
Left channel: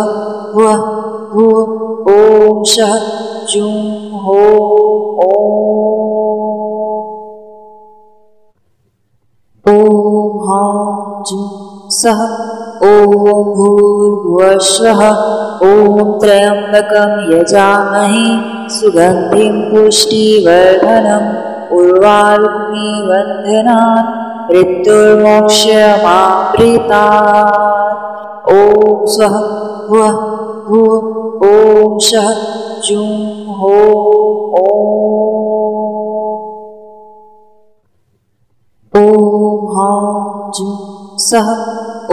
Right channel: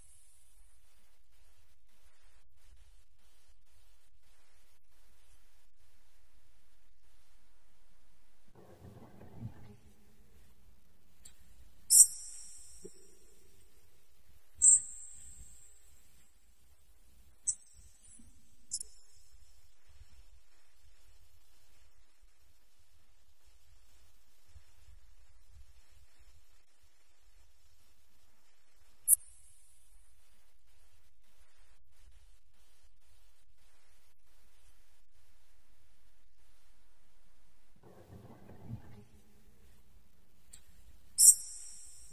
भुवः भुवः ॐ शः जुं हो ॐ हां जुं सः ॐ भूर्भुवः ॐ त्र्यम्बकं यजामहे सुगन्धिं पुष्टिवर्धनम् उर्वारुक्मिबन्धनात् मृत्युर्मोक्षमाप्रीतात्। ॐ स्वः भुवः भुवः ॐ शः जुं हो ॐ हां जुं सः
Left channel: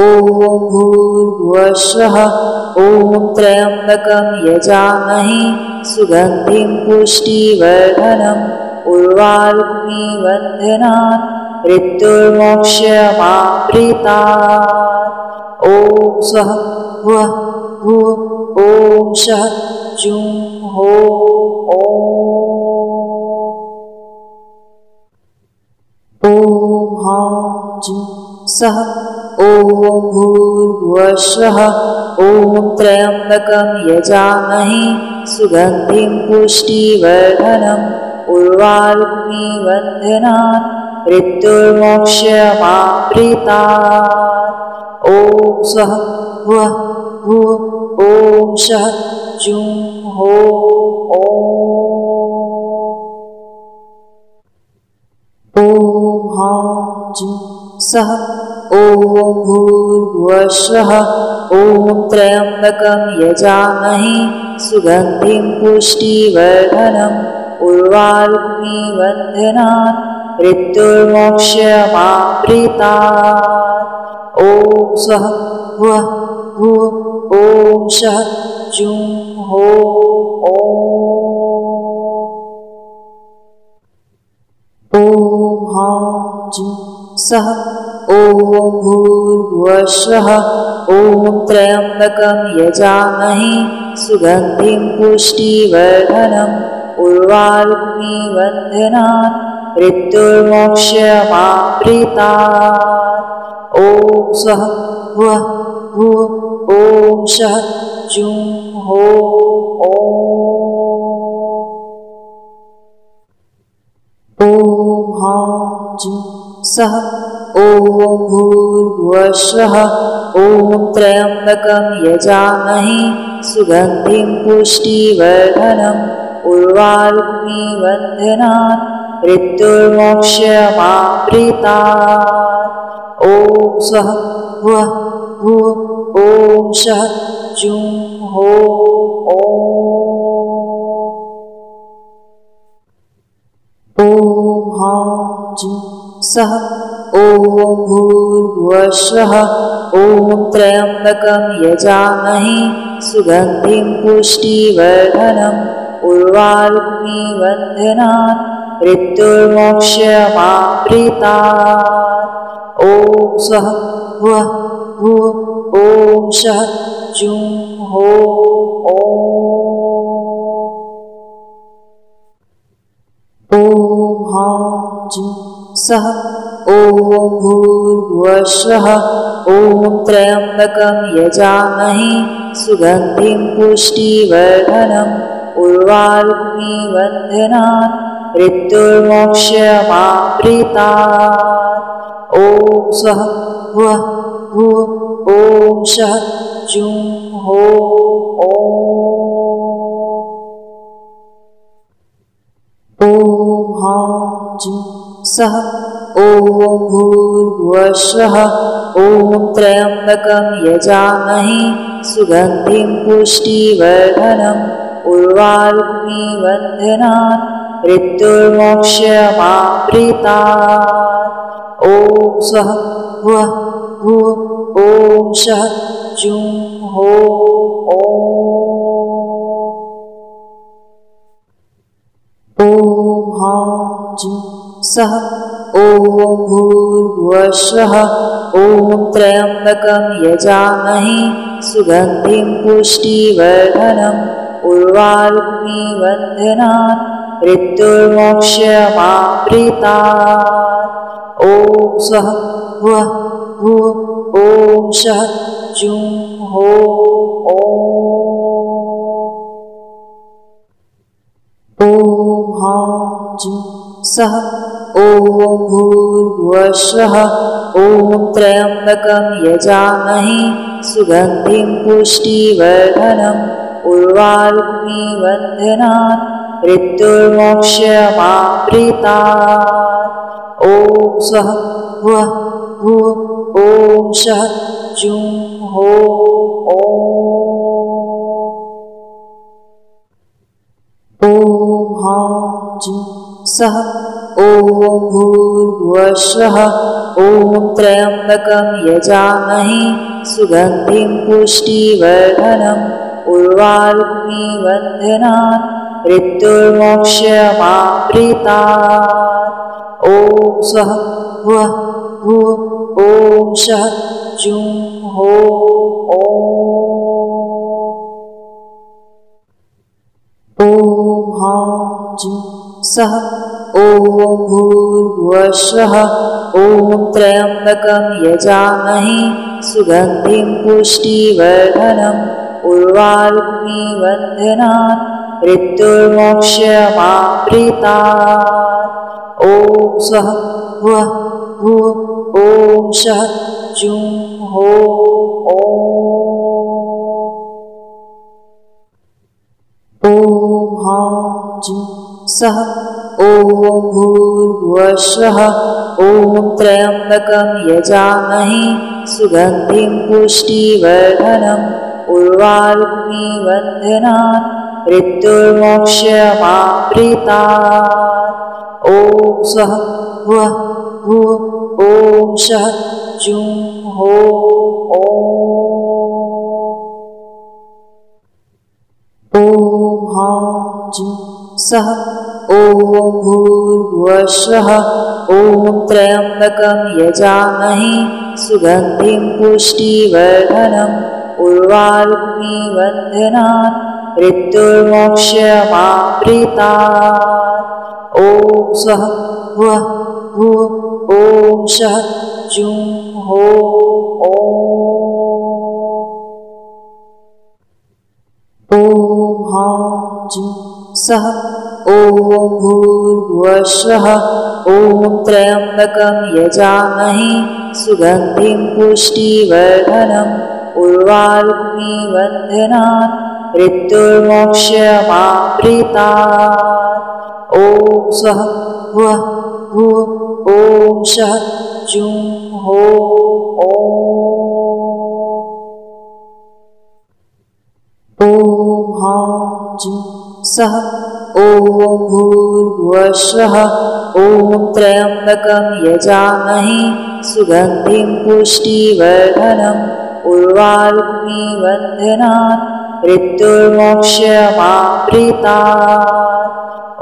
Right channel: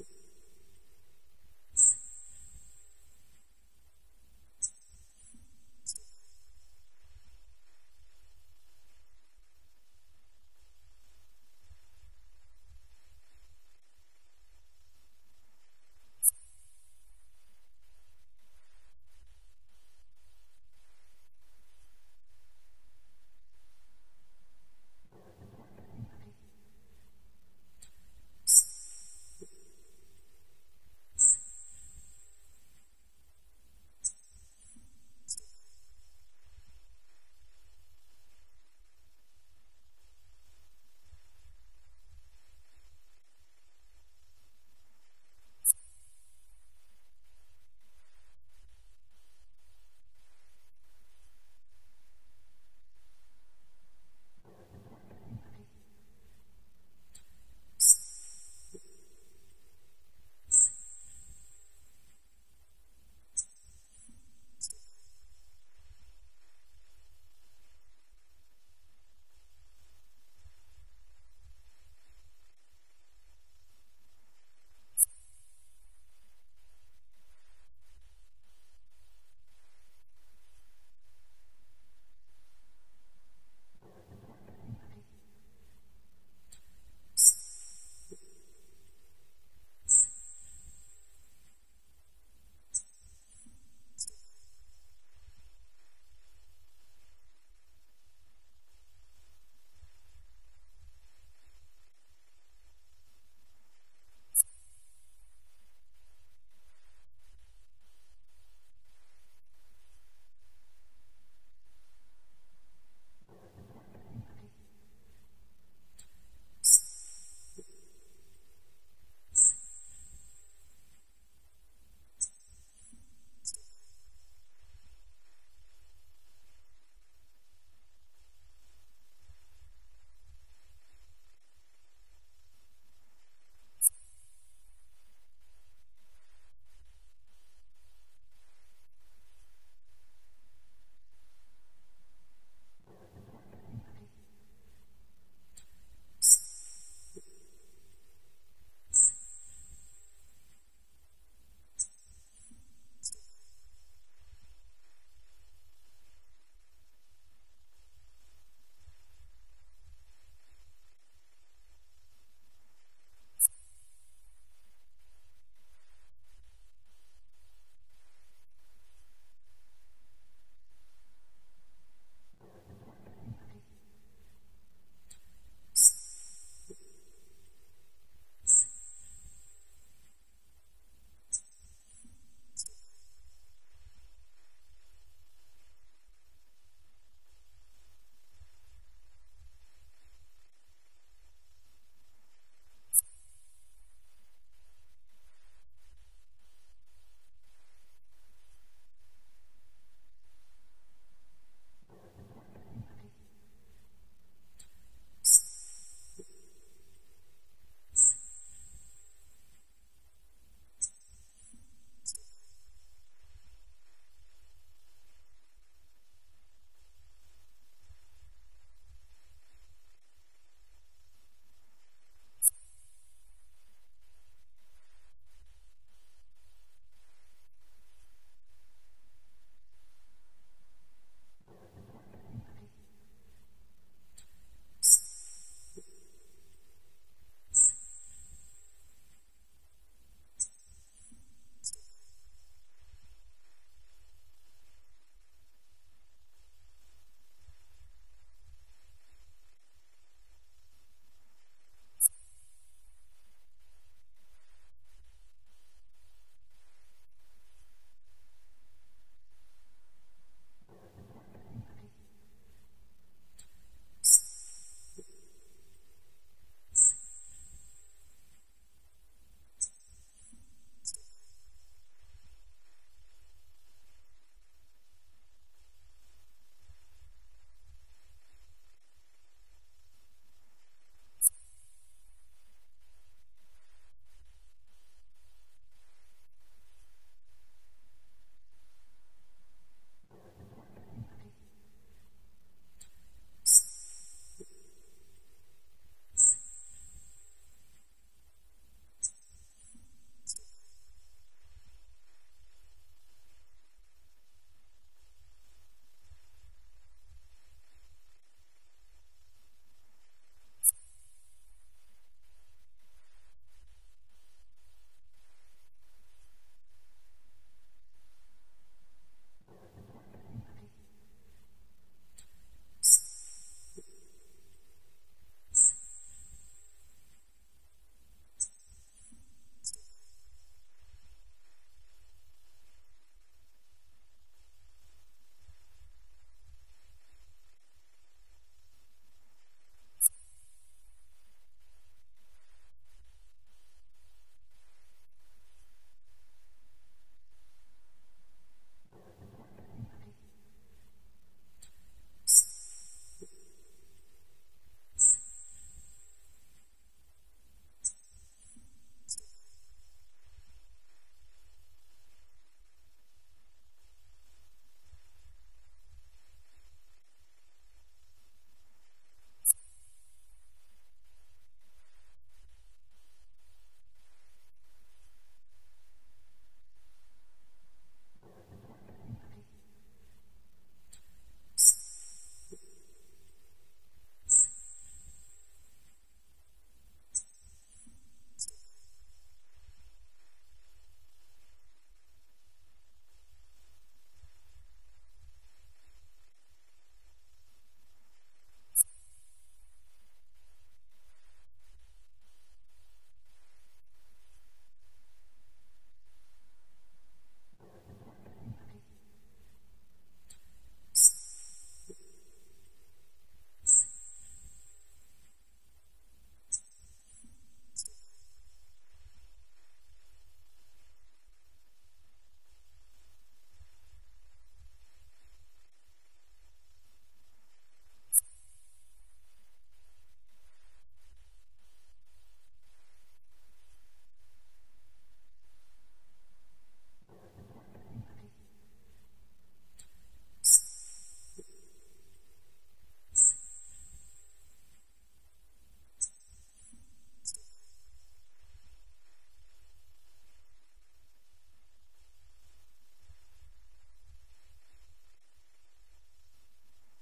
ॐ भूर्भुवः ॐ त्र्यम्बकं यजामहे सुगन्धिं पुष्टिवर्धनम् उर्वारुक्मिबन्धनात् मृत्युर्मोक्षमाप्रीतात्। ॐ स्वः भुवः भुवः ॐ शः जुं हो ॐ हां जुं सः ॐ भूर्भुवः ॐ त्र्यम्बकं यजामहे सुगन्धिं पुष्टिवर्धनम् उर्वारुक्मिबन्धनात् मृत्युर्मोक्षमाप्रीतात्। ॐ स्वः भुवः भुवः ॐ शः जुं हो ॐ हां जुं सः ॐ भूर्भुवः ॐ त्र्यम्बकं यजामहे सुगन्धिं पुष्टिवर्धनम् उर्वारुक्मिबन्धनात् मृत्युर्मोक्षमाप्रीतात्। ॐ स्वः भुवः भुवः ॐ शः जुं हो ॐ हां जुं सः ॐ भूर्भुवः ॐ त्र्यम्बकं यजामहे सुगन्धिं पुष्टिवर्धनम् उर्वारुक्मिबन्धनात् मृत्युर्मोक्षमाप्रीतात्। ॐ स्वः भुवः भुवः ॐ शः जुं हो ॐ हां जुं सः ॐ भूर्भुवः ॐ त्र्यम्बकं यजामहे सुगन्धिं पुष्टिवर्धनम् उर्वारुक्मिबन्धनात् मृत्युर्मोक्षमाप्रीतात्। ॐ स्वः भुवः भुवः ॐ शः जुं हो ॐ हां जुं सः ॐ भूर्भुवः ॐ त्र्यम्बकं यजामहे सुगन्धिं पुष्टिवर्धनम् उर्वारुक्मिबन्धनात् मृत्युर्मोक्षमाप्रीतात्। ॐ स्वः भुवः भुवः ॐ शः जुं हो ॐ हां जुं सः ॐ भूर्भुवः ॐ त्र्यम्बकं यजामहे सुगन्धिं पुष्टिवर्धनम् उर्वारुक्मिबन्धनात् मृत्युर्मोक्षमाप्रीतात्। ॐ स्वः भुवः भुवः ॐ शः जुं हो ॐ हां जुं सः ॐ भूर्भुवः ॐ त्र्यम्बकं यजामहे सुगन्धिं पुष्टिवर्धनम् उर्वारुक्मिबन्धनात् मृत्युर्मोक्षमाप्रीतात्। ॐ स्वः भुवः भुवः ॐ शः जुं हो ॐ हां जुं सः ॐ भूर्भुवः ॐ त्र्यम्बकं यजामहे सुगन्धिं पुष्टिवर्धनम् उर्वारुक्मिबन्धनात् मृत्युर्मोक्षमाप्रीतात्। ॐ स्वः वः भुवः ॐ शः जुं हो ॐ हां जुं सः ॐ भूर्भुवः स्वः ॐ त्र्यम्बकं यजामहे सुगन्धिं पुष्टिवर्धनम् उर्वारुक्मी वन्दनात् मृत्युर्मोक्षमाप्रीतात्। ॐ स्वः वः भुवः ॐ शः जुं हो ॐ हां जुं सः ॐ भूर्भुवः स्वः ॐ त्र्यम्बकं यजामहे सुगन्धिं पुष्टिवर्धनम् उर्वारुक्मी वन्दनात् मृत्युर्मोक्षमाप्रीतात्। ॐ स्वः वः भुवः ॐ शः जुं हो ॐ हां जुं सः ॐ भूर्भुवः स्वः ॐ त्र्यम्बकं यजामहे सुगन्धिं पुष्टिवर्धनम् उर्वारुक्मी वन्दनात् मृत्युर्मोक्षमाप्रीतात्। ॐ स्वः वः भुवः ॐ शः जुं हो ॐ हां जुं सः ॐ भूर्भुवः स्वः ॐ त्र्यम्बकं यजामहे सुगन्धिं पुष्टिवर्धनम् उर्वारुक्मी वन्दनात् मृत्युर्मोक्षमाप्रीतात्। ॐ स्वः वः भुवः ॐ शः जुं हो ॐ हां जुं सः ॐ भूर्भुवः स्वः ॐ त्र्यम्बकं यजामहे सुगन्धिं पुष्टिवर्धनम् उर्वारुक्मी वन्दनात् मृत्युर्मोक्षमाप्रीतात्। ॐ स्वः वः भुवः ॐ शः जुं हो ॐ हां जुं सः ॐ भूर्भुवः स्वः ॐ त्र्यम्बकं यजामहे सुगन्धिं पुष्टिवर्धनम् उर्वारुक्मी वन्दनात् मृत्युर्मोक्षमाप्रीतात्। ॐ स्वः वः भुवः ॐ शः जुं हो ॐ हां जुं सः ॐ भूर्भुवः स्वः ॐ त्र्यम्बकं यजामहे सुगन्धिं पुष्टिवर्धनम् उर्वारुक्मी वन्दनात् मृत्युर्मोक्षमाप्रीतात्।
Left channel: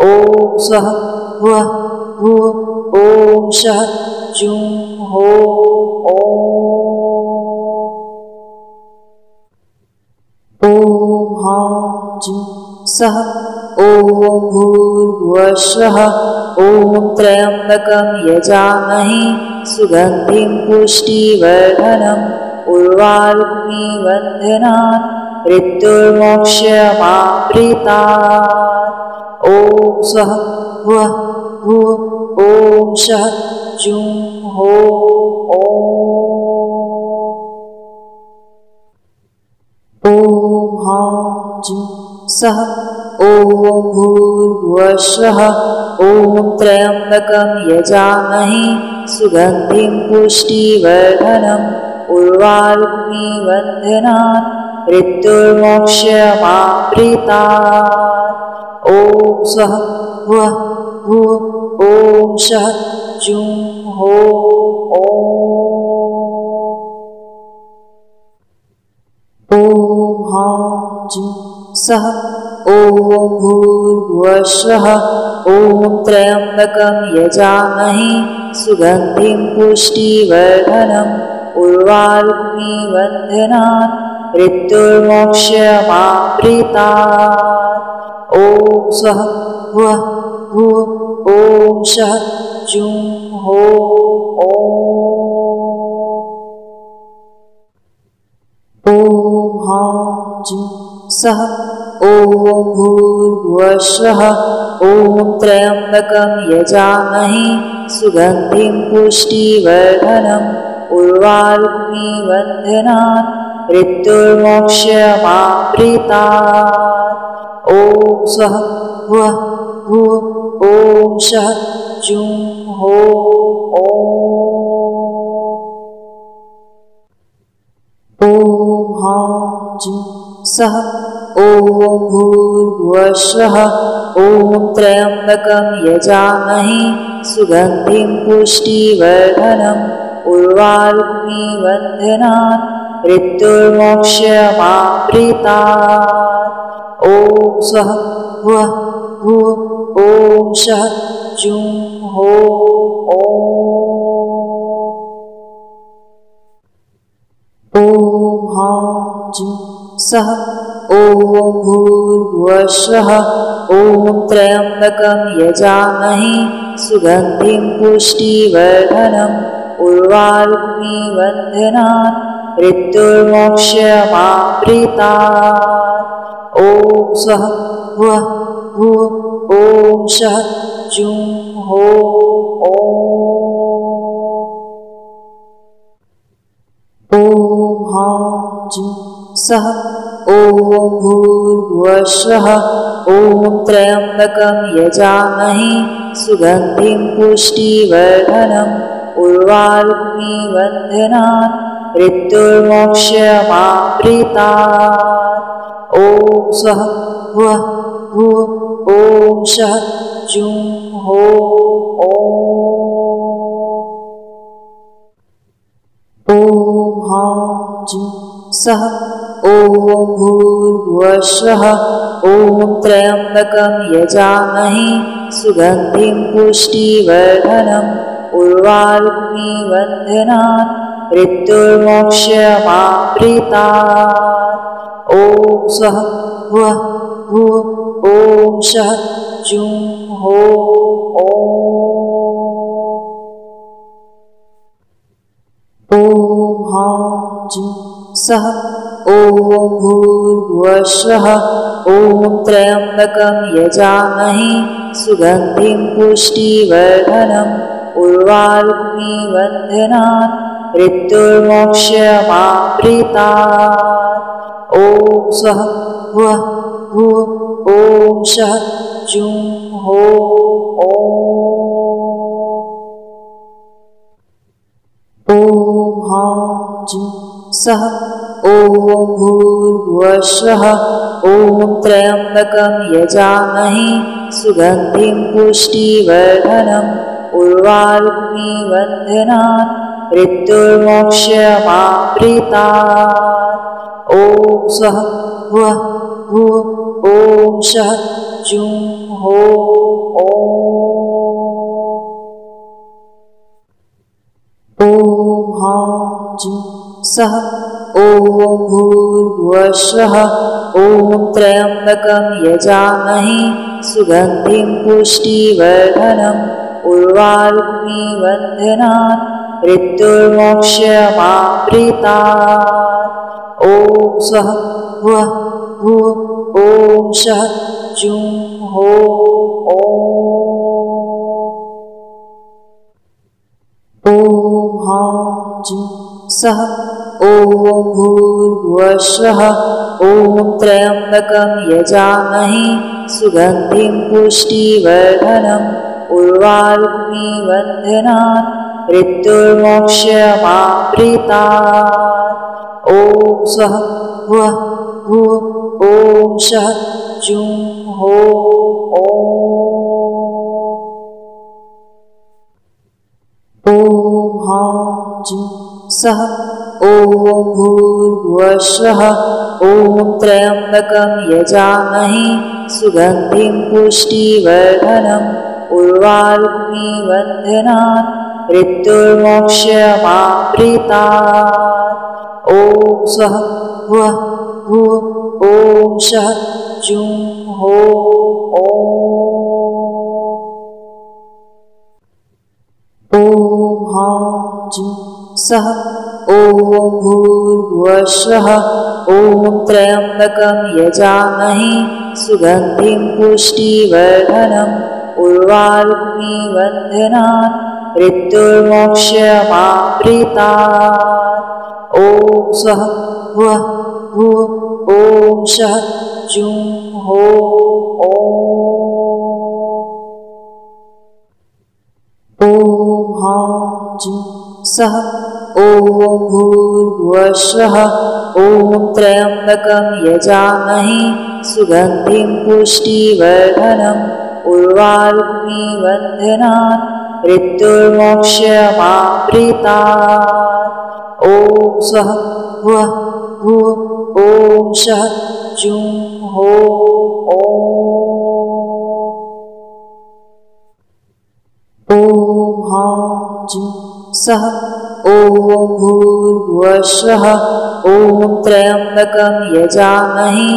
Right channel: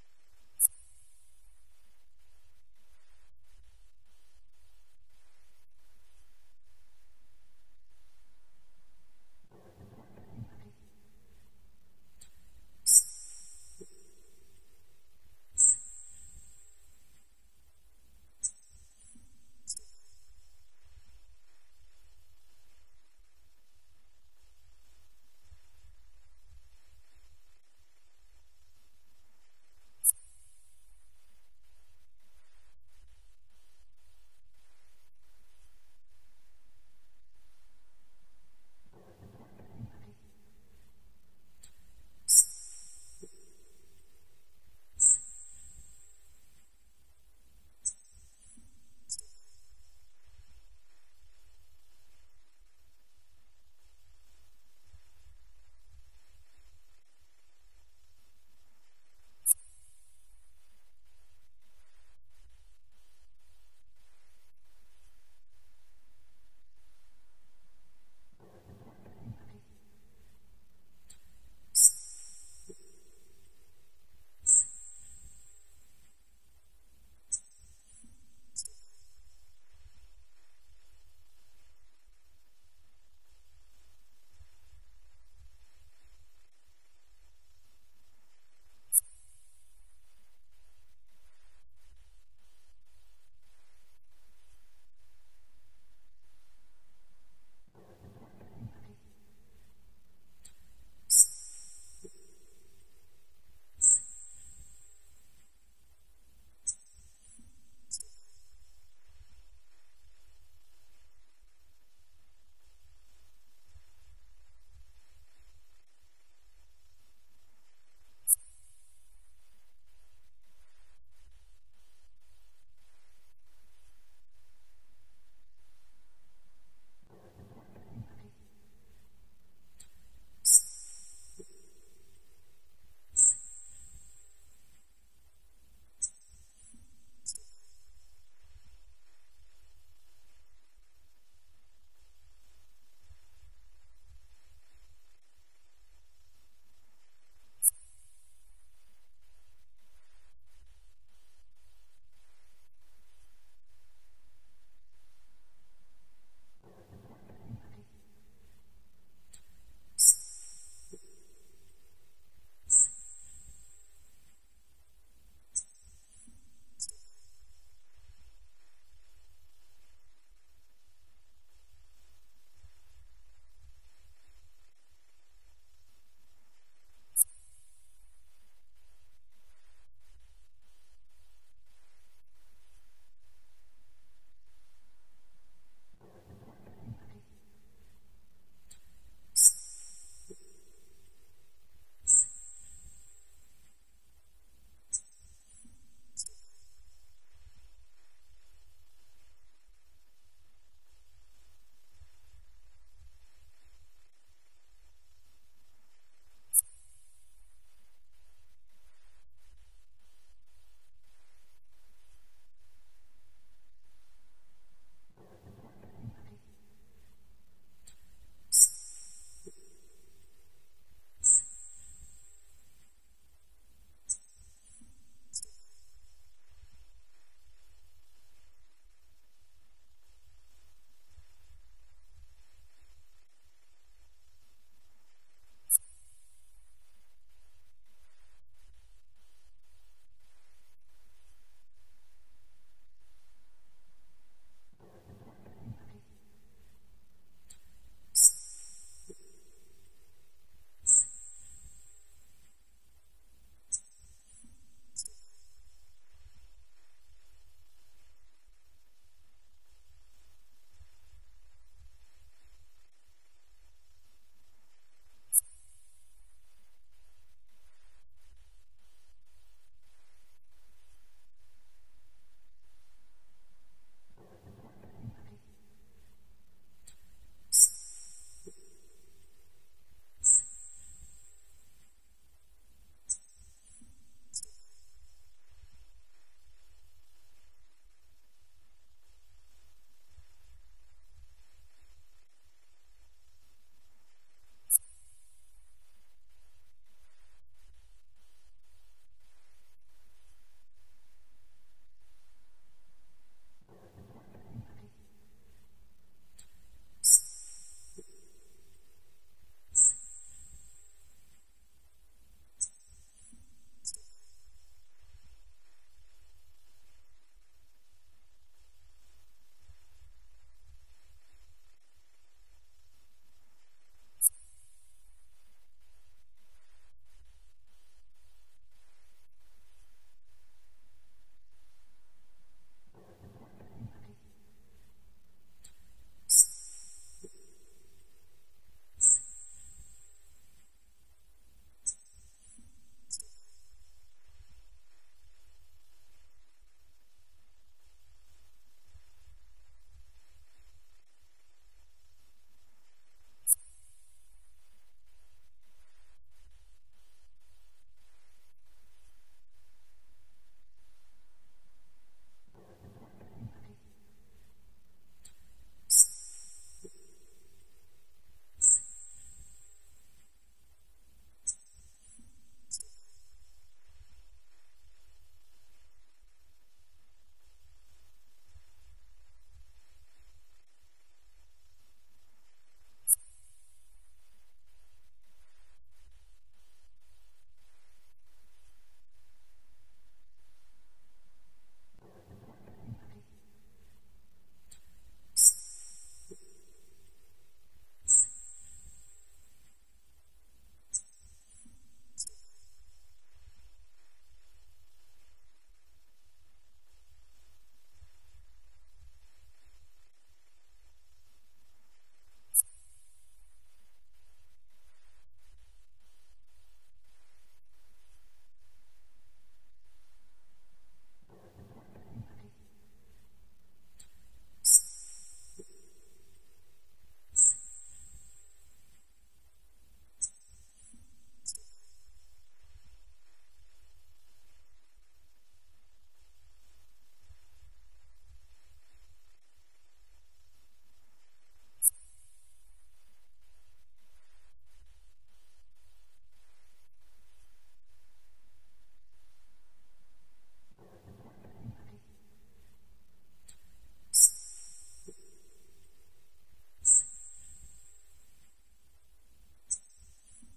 ॐ स्वः वः भुवः ॐ शः जुं हो ॐ हां जुं सः ॐ भूर्भुवः स्वः ॐ त्र्यम्बकं यजामहे सुगन्धिं पुष्टिवर्धनम् उर्वारुक्मी वन्दनात् मृत्युर्मोक्षमाप्रीतात्। ॐ स्वः वः भुवः ॐ शः जुं हो ॐ हां जुं सः ॐ भूर्भुवः स्वः ॐ त्र्यम्बकं यजामहे सुगन्धिं पुष्टिवर्धनम् उर्वारुक्मी वन्दनात् मृत्युर्मोक्षमाप्रीतात्। ॐ स्वः वः भुवः ॐ शः जुं हो ॐ हां जुं सः ॐ भूर्भुवः स्वः ॐ त्र्यम्बकं यजामहे सुगन्धिं पुष्टिवर्धनम् उर्वारुक्मी वन्दनात् मृत्युर्मोक्षमाप्रीतात्। ॐ स्वः वः भुव ॐ शः जुं हो ॐ हां जुं सः ॐ भूर्भुवस्सुवः ॐ त्र्यम्बकं यजामहे सुगन्धिं पुष्टिवर्धनम् उर्वारुक्मी वन्दनात् मृत्युर्मोक्षमाप्रीतात् ॐ स्वः भुवः भुव ॐ शः जुं हो ॐ हां जुं सः ॐ भूर्भुवस्सुवः ॐ त्र्यम्बकं यजामहे सुगन्धिं पुष्टिवर्धनम् उर्वारुक्मी वन्दनात् मृत्युर्मोक्षमाप्रीतात् ॐ स्वः भुवः भुव ॐ शः जुं हो ॐ हां जुं सः ॐ भूर्भुवस्सुवः ॐ त्र्यम्बकं यजामहे सुगन्धिं पुष्टिवर्धनम् उर्वारुक्मी वन्दनात् मृत्युर्मोक्षमाप्रीतात् ॐ स्वः भुवः भुव ॐ शः जुं हो ॐ हां जुं सः ॐ भूर्भुवस्सुवः ॐ त्र्यम्बकं यजामहे सुगन्धिं पुष्टिवर्धनम् उर्वारुक्मी वन्दनात् मृत्युर्मोक्षमाप्रीतात् ॐ स्वः भुवः भुव ॐ शः जुं हो ॐ हां जुं सः ॐ भूर्भुवस्सुवः ॐ त्र्यम्बकं यजामहे सुगन्धिं पुष्टिवर्धनम् उर्वारुक्मी वन्दनात् मृत्युर्मोक्षमाप्रीतात् ॐ स्वः भुवः भुव ॐ शः जुं हो ॐ हां जुं सः ॐ भूर्भुवस्सुवः ॐ त्र्यम्बकं यजामहे सुगन्धिं पुष्टिवर्धनम् उर्वारुक्मी वन्दनात् मृत्युर्मोक्षमाप्रीतात् ॐ स्वः भुवः भुव ॐ शः जुं हो ॐ हां जुं सः ॐ भूर्भुवस्सुवः ॐ त्र्यम्बकं यजामहे सुगन्धिं पुष्टिवर्धनम् उर्वारुक्मी वन्दनात् मृत्युर्मोक्षमाप्रीतात् ॐ स्वः भुवः भुव ॐ शः जुं हो ॐ हां जुं सः ॐ भूर्भुवस्सुवः ॐ त्र्यम्बकं यजामहे सुगन्धिं पुष्टिवर्धनम् उर्वारुक्मी वन्दनात् मृत्युर्मोक्षमाप्रीतात् ॐ स्वः भुवः भुव ॐ शः जुं हो ॐ हां जुं सः ॐ भूर्भुवस्सुवः ॐ त्र्यम्बकं यजामहे सुगन्धिं पुष्टिवर्धनम् उर्वारुक्मी वन्दनात् मृत्युर्मोक्षमाप्रीतात् ॐ स्वः भुवः भुव ॐ शः जुं हो ॐ हां जुं सः ॐ भूर्भुवस्सुवः ॐ त्र्यम्बकं यजामहे सुगन्धिं पुष्टिवर्धनम् उर्वारुक्मी वन्दनात् मृत्युर्मोक्षमाप्रीतात् ॐ स्वः भुवः भुव ॐ शः जुं हो सः ॐ भूर्भुवः स्वः ॐ त्र्यम्बकं यजामहे सुगन्धिं पुष्टिवर्धनम् उर्वारुकमिबन्धनान् मृत्युर्मोक्षमाप्रीतात्। ॐ स्वः भुवः भुवः ॐ शः जुं हो ॐ हां जुं सः ॐ भूर्भुवः स्वः ॐ त्र्यम्बकं यजामहे सुगन्धिं पुष्टिवर्धनम् उर्वारुकमिबन्धनान् मृत्युर्मोक्षमाप्रीतात्। ॐ स्वः भुवः भुवः ॐ शः जुं हो ॐ हां जुं सः ॐ भूर्भुवः स्वः ॐ त्र्यम्बकं यजामहे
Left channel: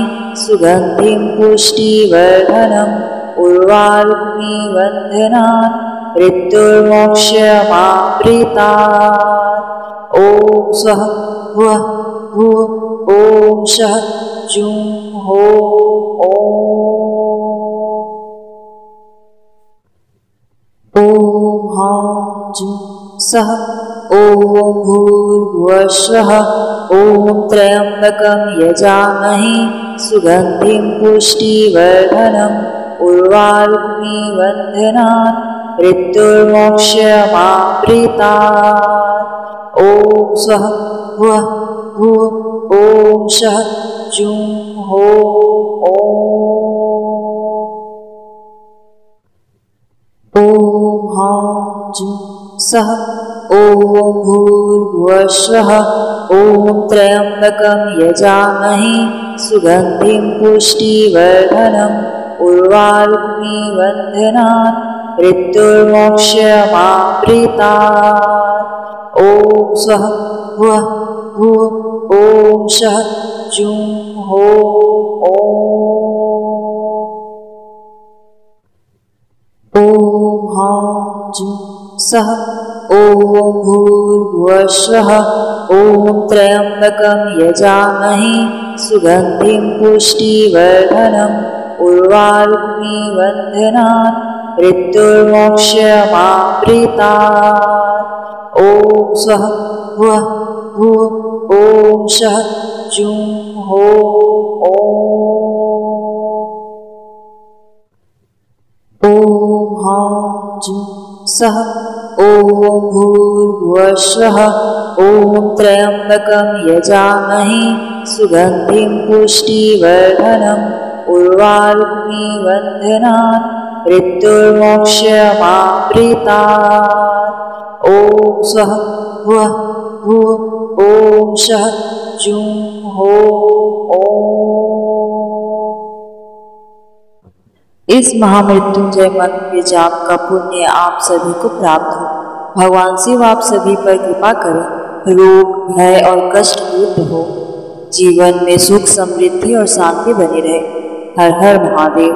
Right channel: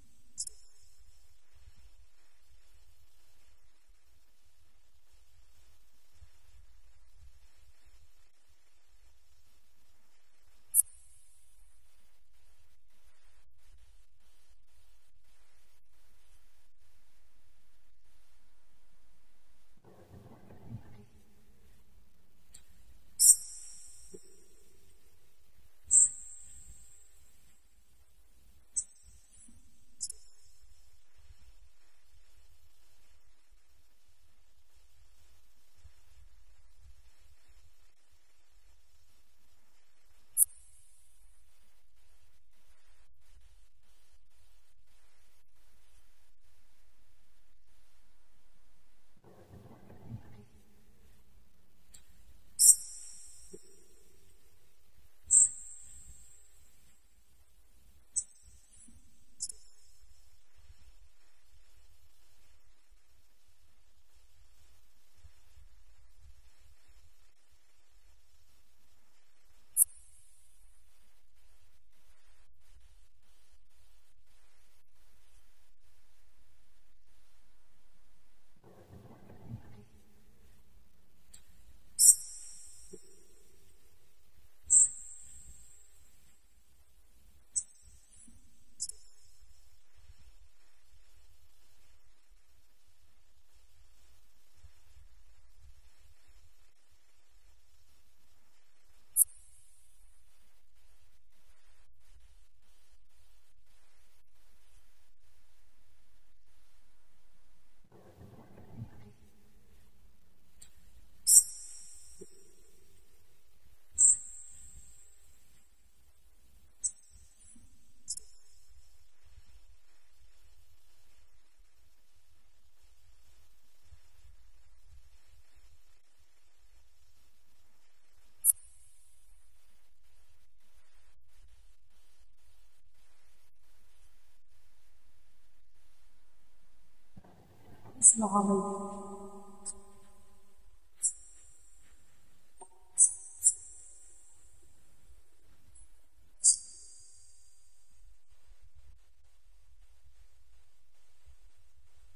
सुगन्धिं पुष्टिवर्धनम् उर्वारुकमिबन्धनान् मृत्युर्मोक्षमाप्रीतात्। ॐ स्वः भुवः भुवः ॐ शः जुं हो ॐ हां जुं सः ॐ भूर्भुवः स्वः ॐ त्र्यम्बकं यजामहे सुगन्धिं पुष्टिवर्धनम् उर्वारुकमिबन्धनान् मृत्युर्मोक्षमाप्रीतात्। ॐ स्वः भुवः भुवः ॐ शः जुं हो ॐ हां जुं सः ॐ भूर्भुवः स्वः ॐ त्र्यम्बकं यजामहे सुगन्धिं पुष्टिवर्धनम् उर्वारुकमिबन्धनान् मृत्युर्मोक्षमाप्रीतात्। ॐ स्वः भुवः भुवः ॐ शः जुं हो ॐ हां जुं सः ॐ भूर्भुवः स्वः ॐ त्र्यम्बकं यजामहे सुगन्धिं पुष्टिवर्धनम् उर्वारुकमिबन्धनान् मृत्युर्मोक्षमाप्रीतात्। ॐ स्वः भुवः भुवः ॐ शः जुं हो ॐ हां जुं सः ॐ भूर्भुवः स्वः ॐ त्र्यम्बकं यजामहे सुगन्धिं पुष्टिवर्धनम् उर्वारुकमिबन्धनान् मृत्युर्मोक्षमाप्रीतात्। ॐ स्वः भुवः भुवः ॐ शः जुं हो इस महामृत्युंजय मंत्र के जाप का पुण्य आप सभी को प्राप्त हो। भगवान शिव आप सभी पर कृपा करें, रोग भय और कष्ट दूर हो, जीवन में सुख समृद्धि और शांति बनी रहे। हर हर महादेव।